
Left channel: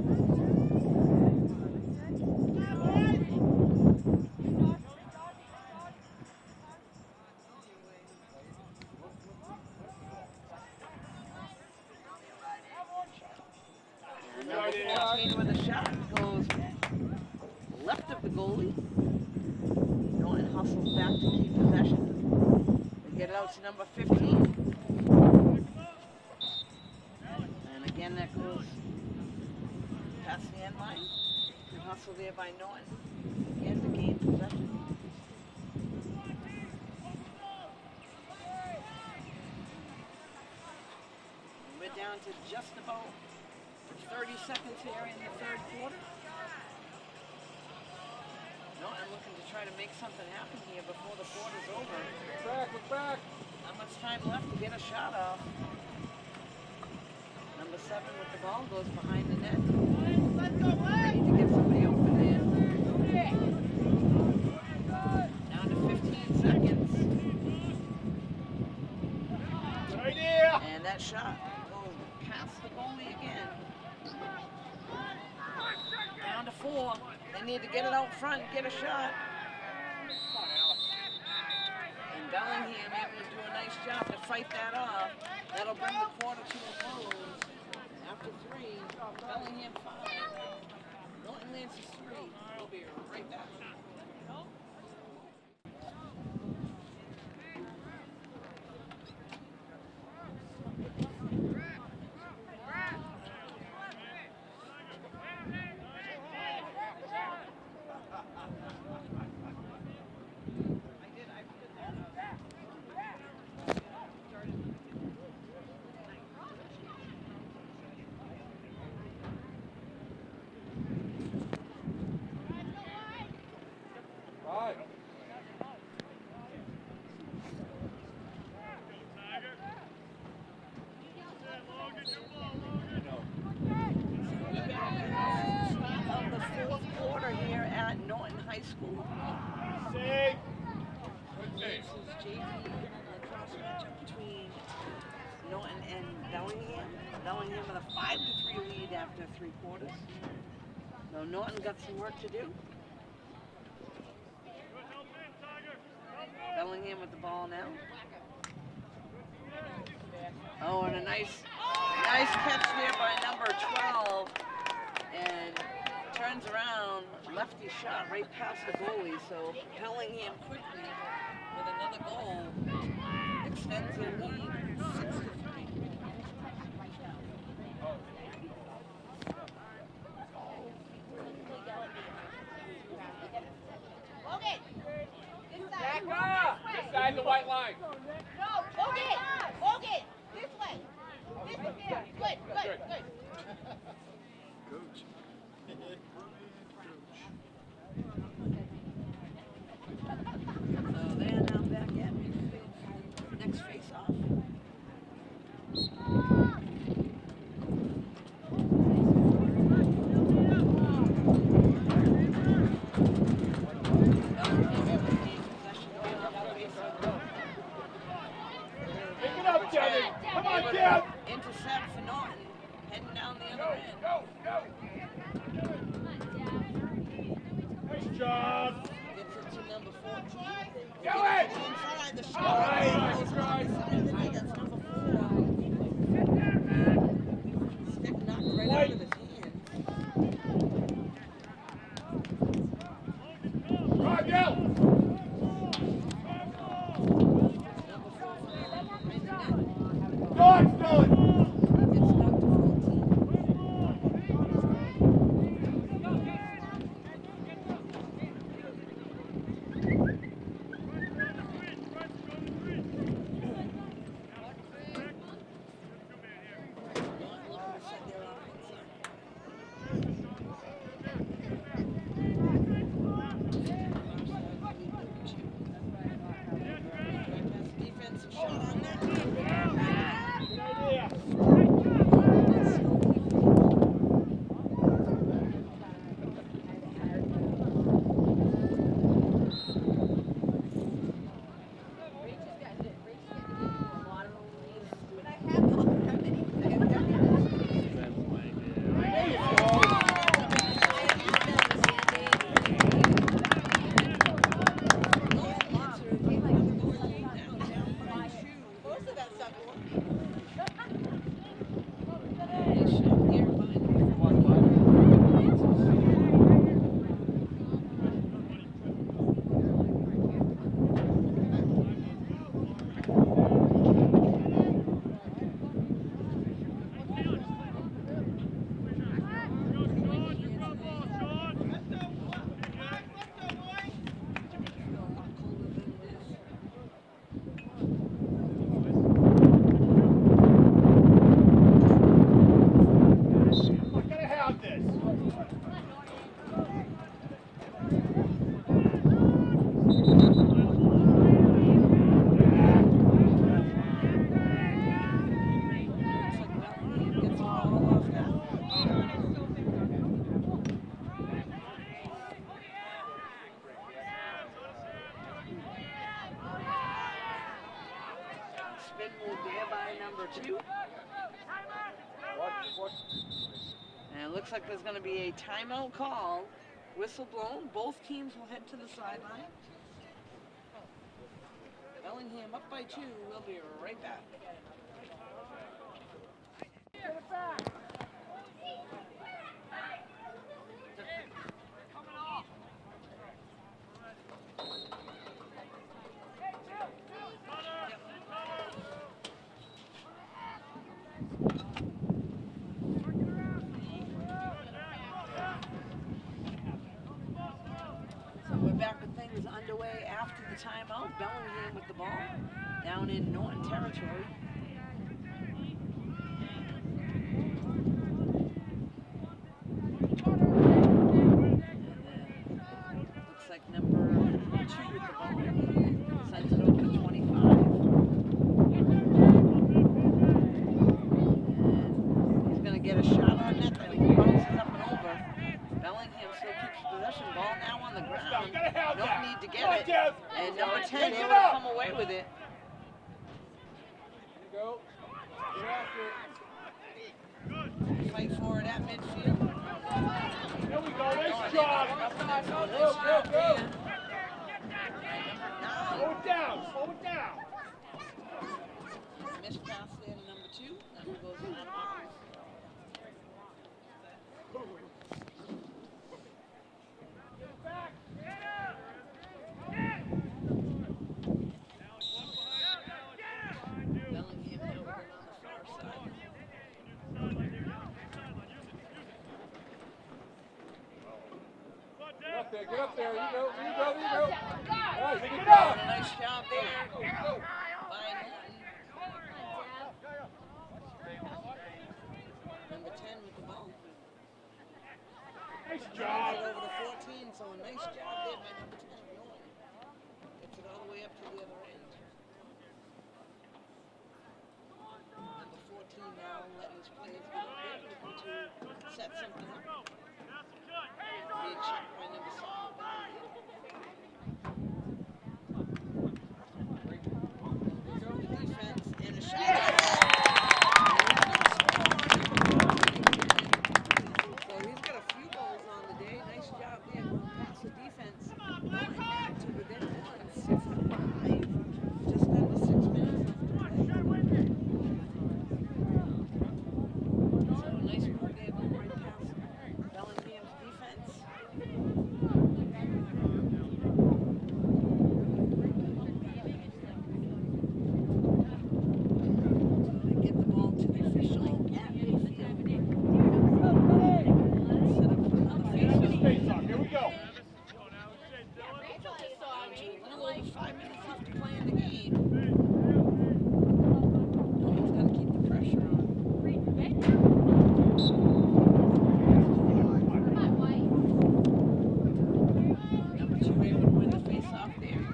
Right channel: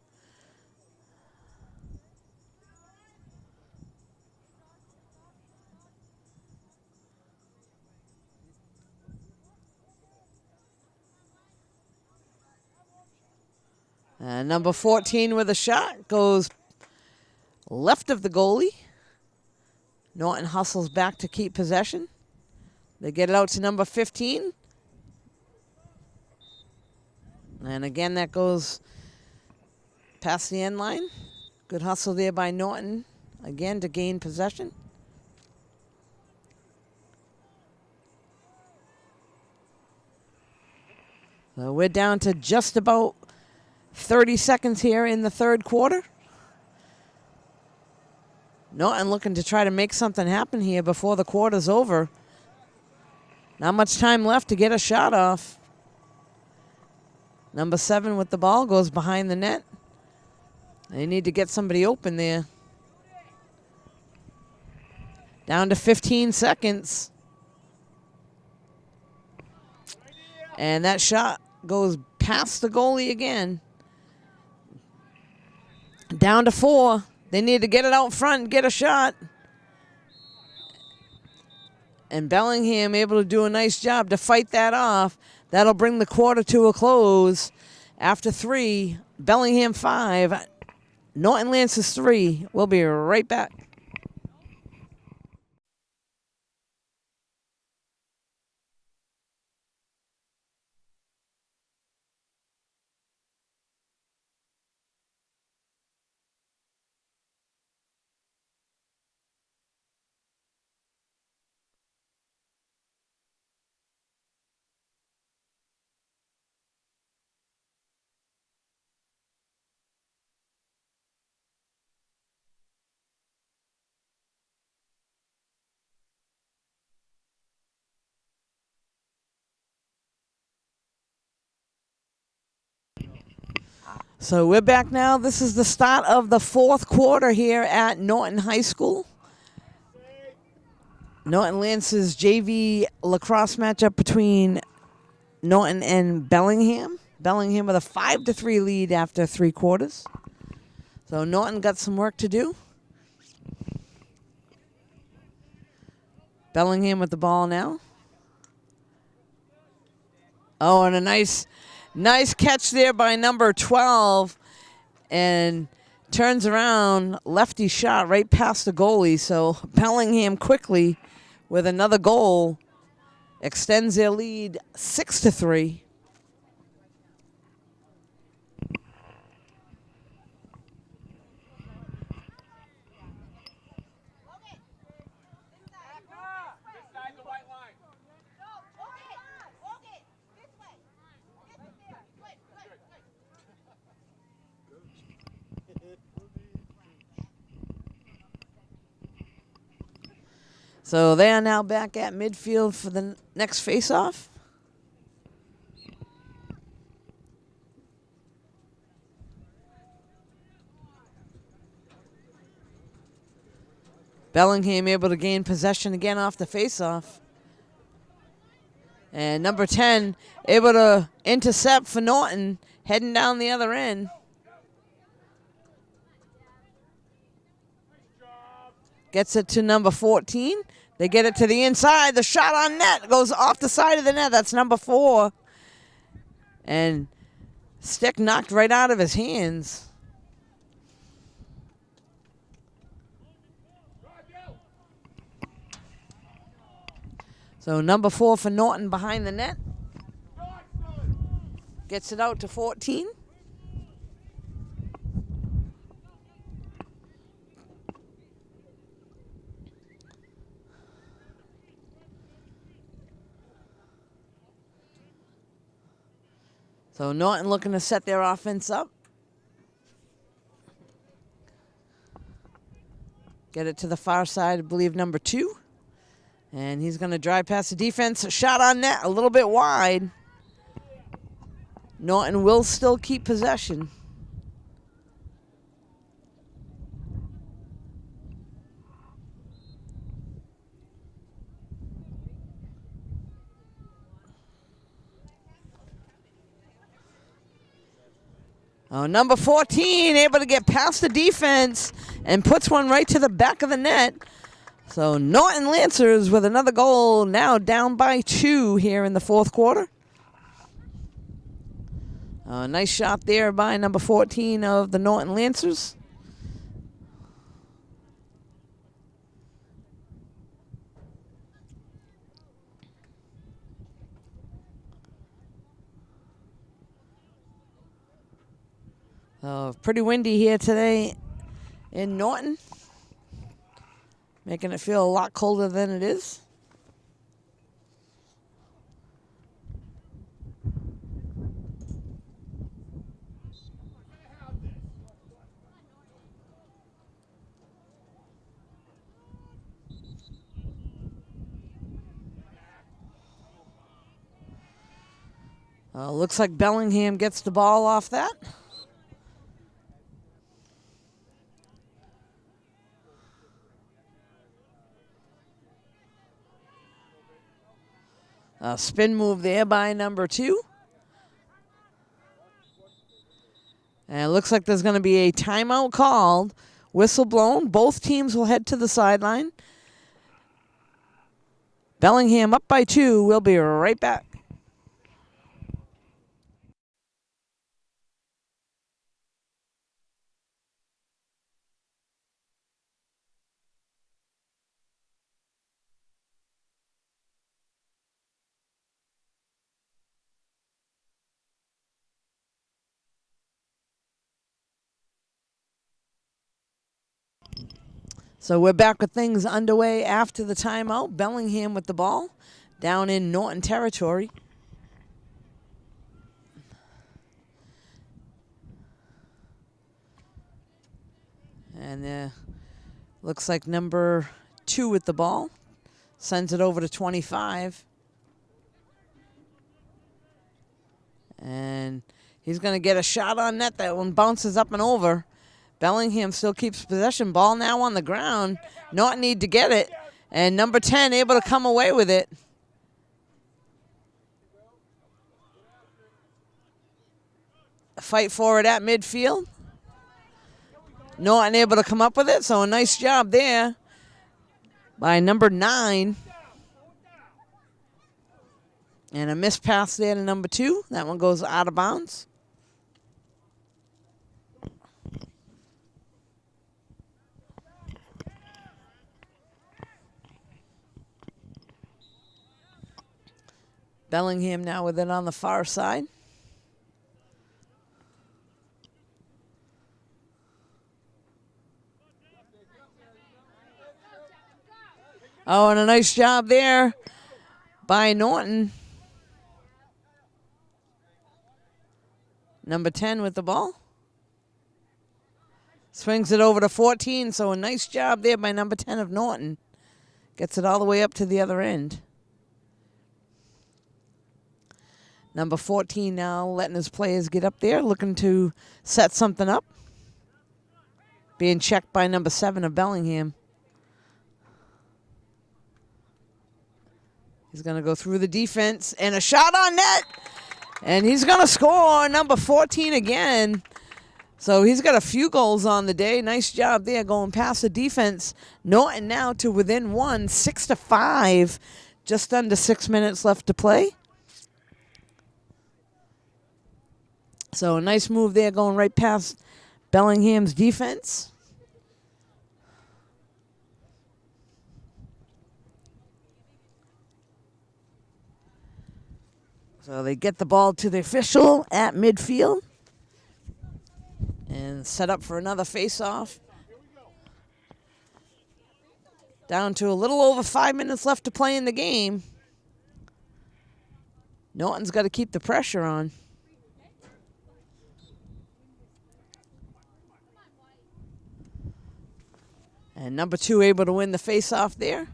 Number 14 with a shot goes left of the goalie. Norton hustles back to keep possession. They get it out to number 15. And again, that goes past the end line. Good hustle there by Norton, again to gain possession. So we're down to just about 30 seconds here in the 3rd quarter. Norton looking to try to make something happen here before the quarter's over. Not much time left to get a shot off. Number 7 with the ball goes behind the net. They need to get somebody open there. Down to 15 seconds. And that shot goes past the goalie again. Down to 4. They need to get it out front and get a shot. And Bellingham able to do a nice job to fight that off. That'll bring the quarter to a close. After 3, Bellingham 5, Norton Lancers 3. We'll be right back. So we're back now. This is the start of the 4th quarter here at Norton High School. Norton Lancers JV lacrosse matchup between Norton and Bellingham. Bellingham with a 5-3 lead after 3 quarters. So Norton got some work to do. Bellingham with the ball now. Oh, and a nice catch there by number 12, and turns around, lefty shot right past the goalie. So Bellingham quickly with another goal extends their lead 6-3. So they are now back at midfield for the next face-off. Bellingham able to gain possession again off the face-off. And number 10 able to intercept for Norton, heading down the other end. Gets it to number 14. They get it to the inside. The shot on net goes off the side of the net. That's number 4. And stick knocked right out of his hands. So number 4 for Norton behind the net. Gets it out to 14. So Norton looking to set their offense up. Get it to the far side, I believe number 2. And he's going to drive past the defense. A shot on net, a little bit wide. Norton will still keep possession. Number 14 able to get past the defense and puts one right to the back of the net. So Norton Lancers with another goal, now down by 2 here in the 4th quarter. Nice shot there by number 14 of the Norton Lancers. Pretty windy here today in Norton, making it feel a lot colder than it is. Looks like Bellingham gets the ball off that. A spin move there by number 2. And it looks like there's going to be a timeout called. Whistle blown. Both teams will head to the sideline. Bellingham up by 2. We'll be right back. So we're back with things underway after the timeout. Bellingham with the ball down in Norton territory. And looks like number 2 with the ball. Sends it over to 25. And he's going to get a shot on net. That one bounces up and over. Bellingham still keeps possession. Ball now on the ground. Norton need to get it. And number 10 able to come away with it. A fight for it at midfield. Norton able to come up with it, so a nice job there by number 9. And a missed pass there to number 2. That one goes out of bounds. Bellingham now with it on the far side. Oh, and a nice job there by Norton. Number 10 with the ball. Swings it over to 14, so a nice job there by number 10 of Norton. Gets it all the way up to the other end. Number 14 now letting his players get up there, looking to set something up. Being checked by number 7 of Bellingham. He's going to go through the defense and a shot on net. And he's going to score, number 14 again. So he's got a few goals on the day. Nice job there going past the defense. Norton now to within 1, 6-5. Just under 6 minutes left to play. So a nice move there going right past Bellingham's defense. So they get the ball to the official at midfield. And set up for another face-off. Down to a little over 5 minutes left to play in the game. Norton's got to keep the pressure on. And number 2 able to win the face-off there.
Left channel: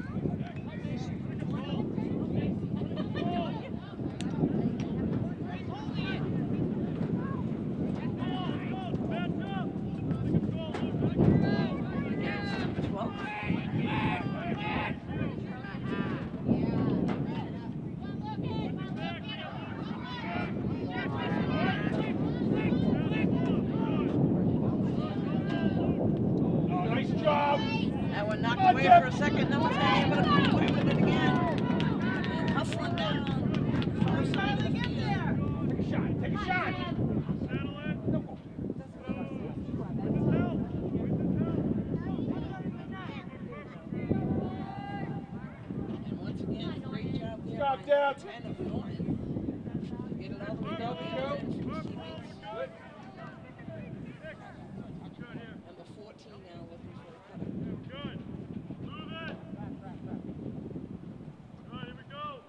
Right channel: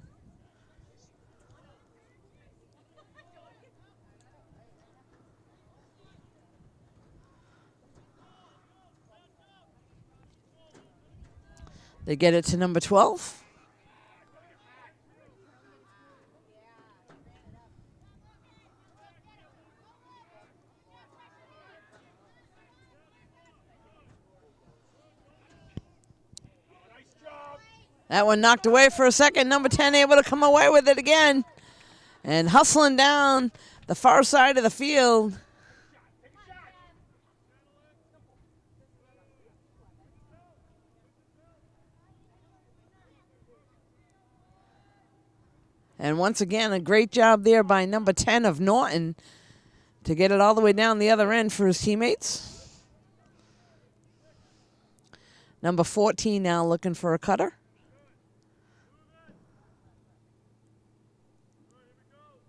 They get it to number 12. That one knocked away for a second. Number 10 able to come away with it again. And hustling down the far side of the field. And once again, a great job there by number 10 of Norton to get it all the way down the other end for his teammates. Number 14 now looking for a cutter. Here we go.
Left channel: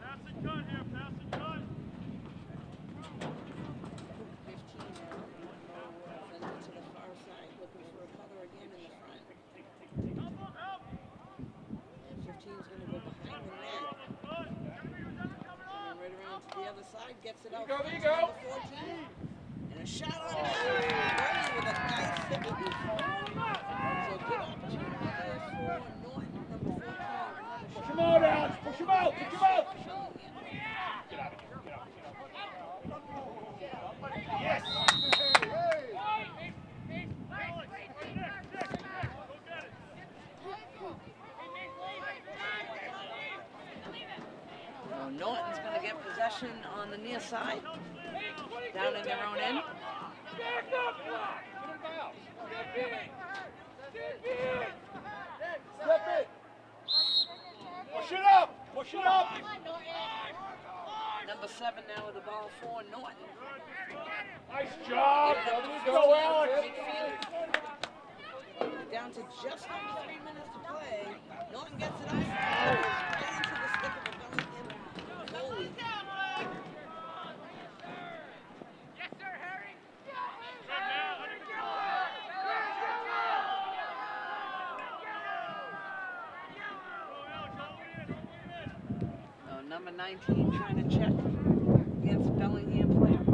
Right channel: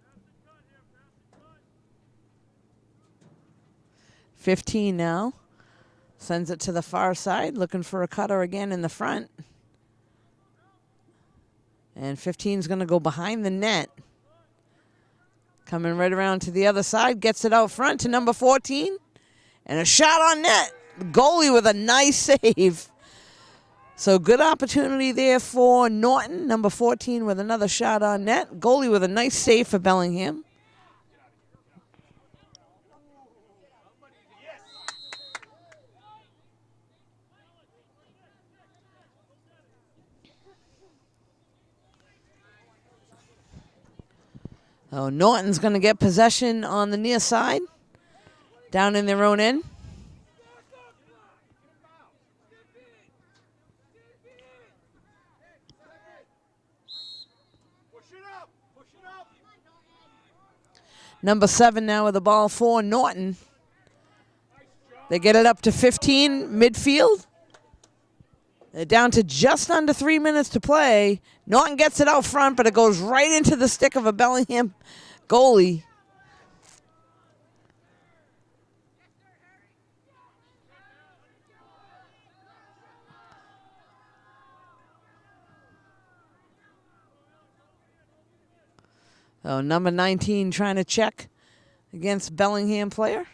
Pass and cut here, pass and cut. 15 now. Sends it to the far side, looking for a cutter again in the front. And 15 is going to go behind the net. Coming right around to the other side, gets it out front to number 14. And a shot on net. Goalie with a nice save. So good opportunity there for Norton. Number 14 with another shot on net. Goalie with a nice save for Bellingham. Oh, Norton's going to get possession on the near side, down in their own end. Number 7 now with the ball for Norton. They get it up to 15 midfield. They're down to just under 3 minutes to play. Norton gets it out front, but it goes right into the stick of a Bellingham goalie. So number 19 trying to check against Bellingham player.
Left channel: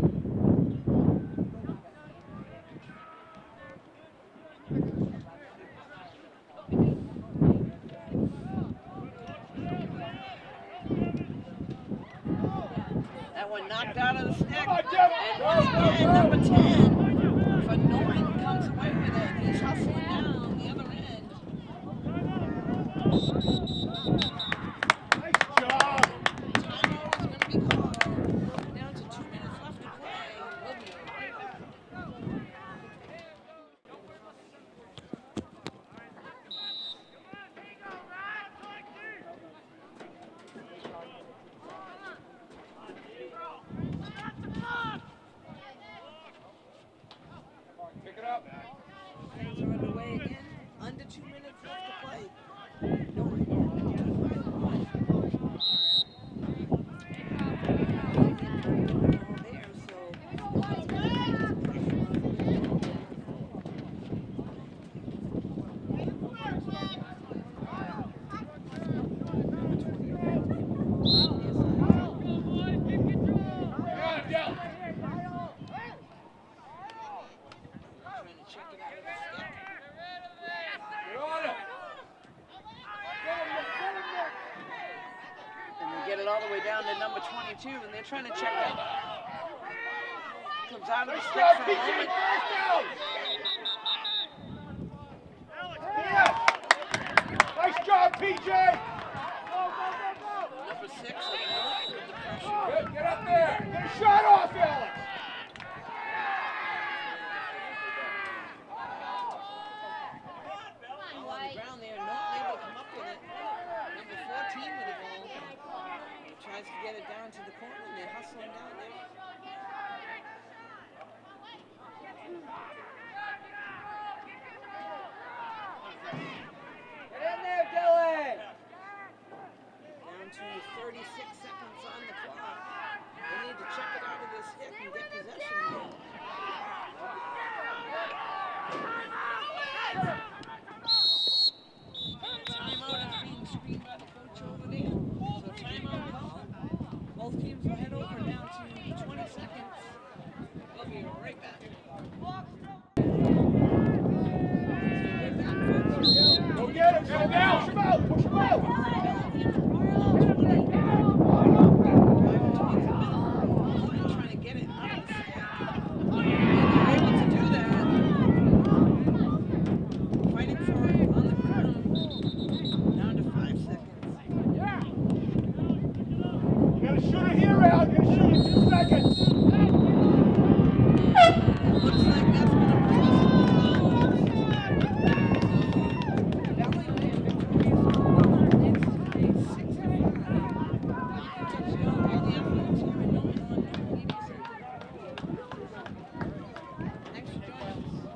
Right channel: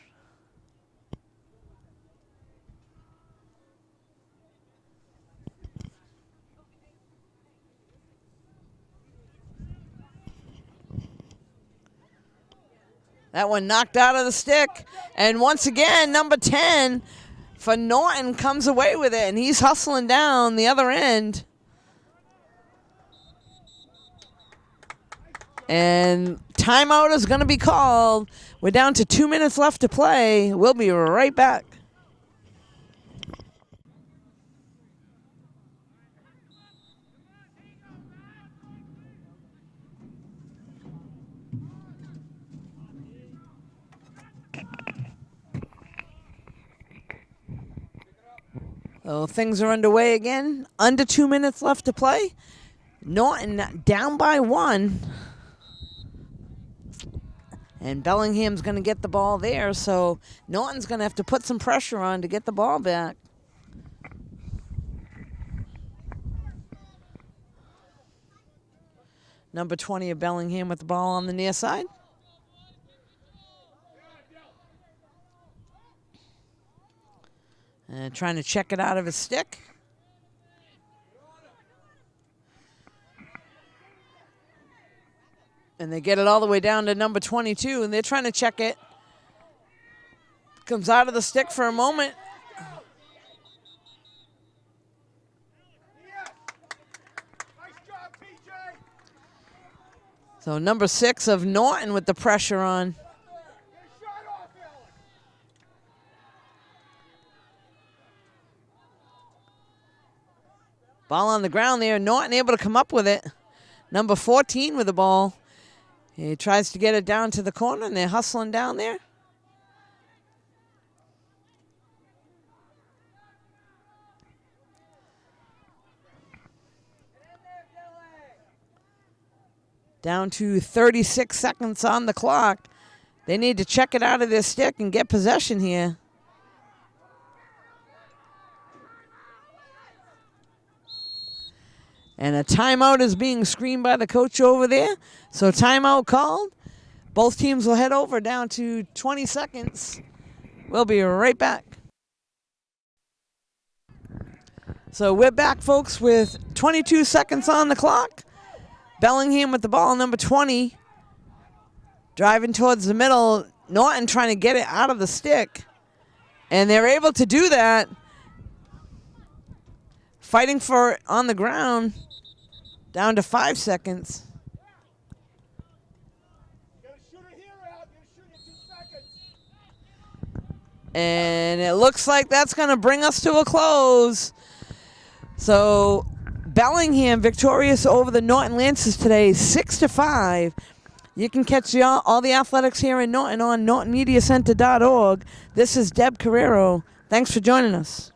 That one knocked out of the stick. And once again, number 10 for Norton comes away with it, and he's hustling down the other end. And timeout is going to be called. We're down to 2 minutes left to play. We'll be right back. So things are underway again. Under 2 minutes left to play. Norton down by 1. And Bellingham's going to get the ball there, so Norton's going to have to put some pressure on to get the ball back. Number 20 of Bellingham with the ball on the near side. And trying to check it out of his stick. And they get it all the way down to number 22, and they're trying to check it. Comes out of the stick for a moment. Nice job, PJ. So number 6 of Norton with the pressure on. Get up there. Get a shot off, Alex. Ball on the ground there. Norton able to come up with it. Number 14 with the ball. He tries to get it down to the corner, and they're hustling down there. Down to 36 seconds on the clock. They need to check it out of their stick and get possession here. And a timeout is being screened by the coach over there. So timeout called. Both teams will head over down to 20 seconds. We'll be right back. So we're back, folks, with 22 seconds on the clock. Bellingham with the ball, number 20. Driving towards the middle. Norton trying to get it out of the stick. And they're able to do that. Fighting for it on the ground. Down to 5 seconds. You gotta shoot it here, Al. You gotta shoot it 2 seconds. And it looks like that's going to bring us to a close. So Bellingham victorious over the Norton Lancers today, 6-5. You can catch all the athletics here in Norton on nortonmediacenter.org. This is Deb Carrero. Thanks for joining us.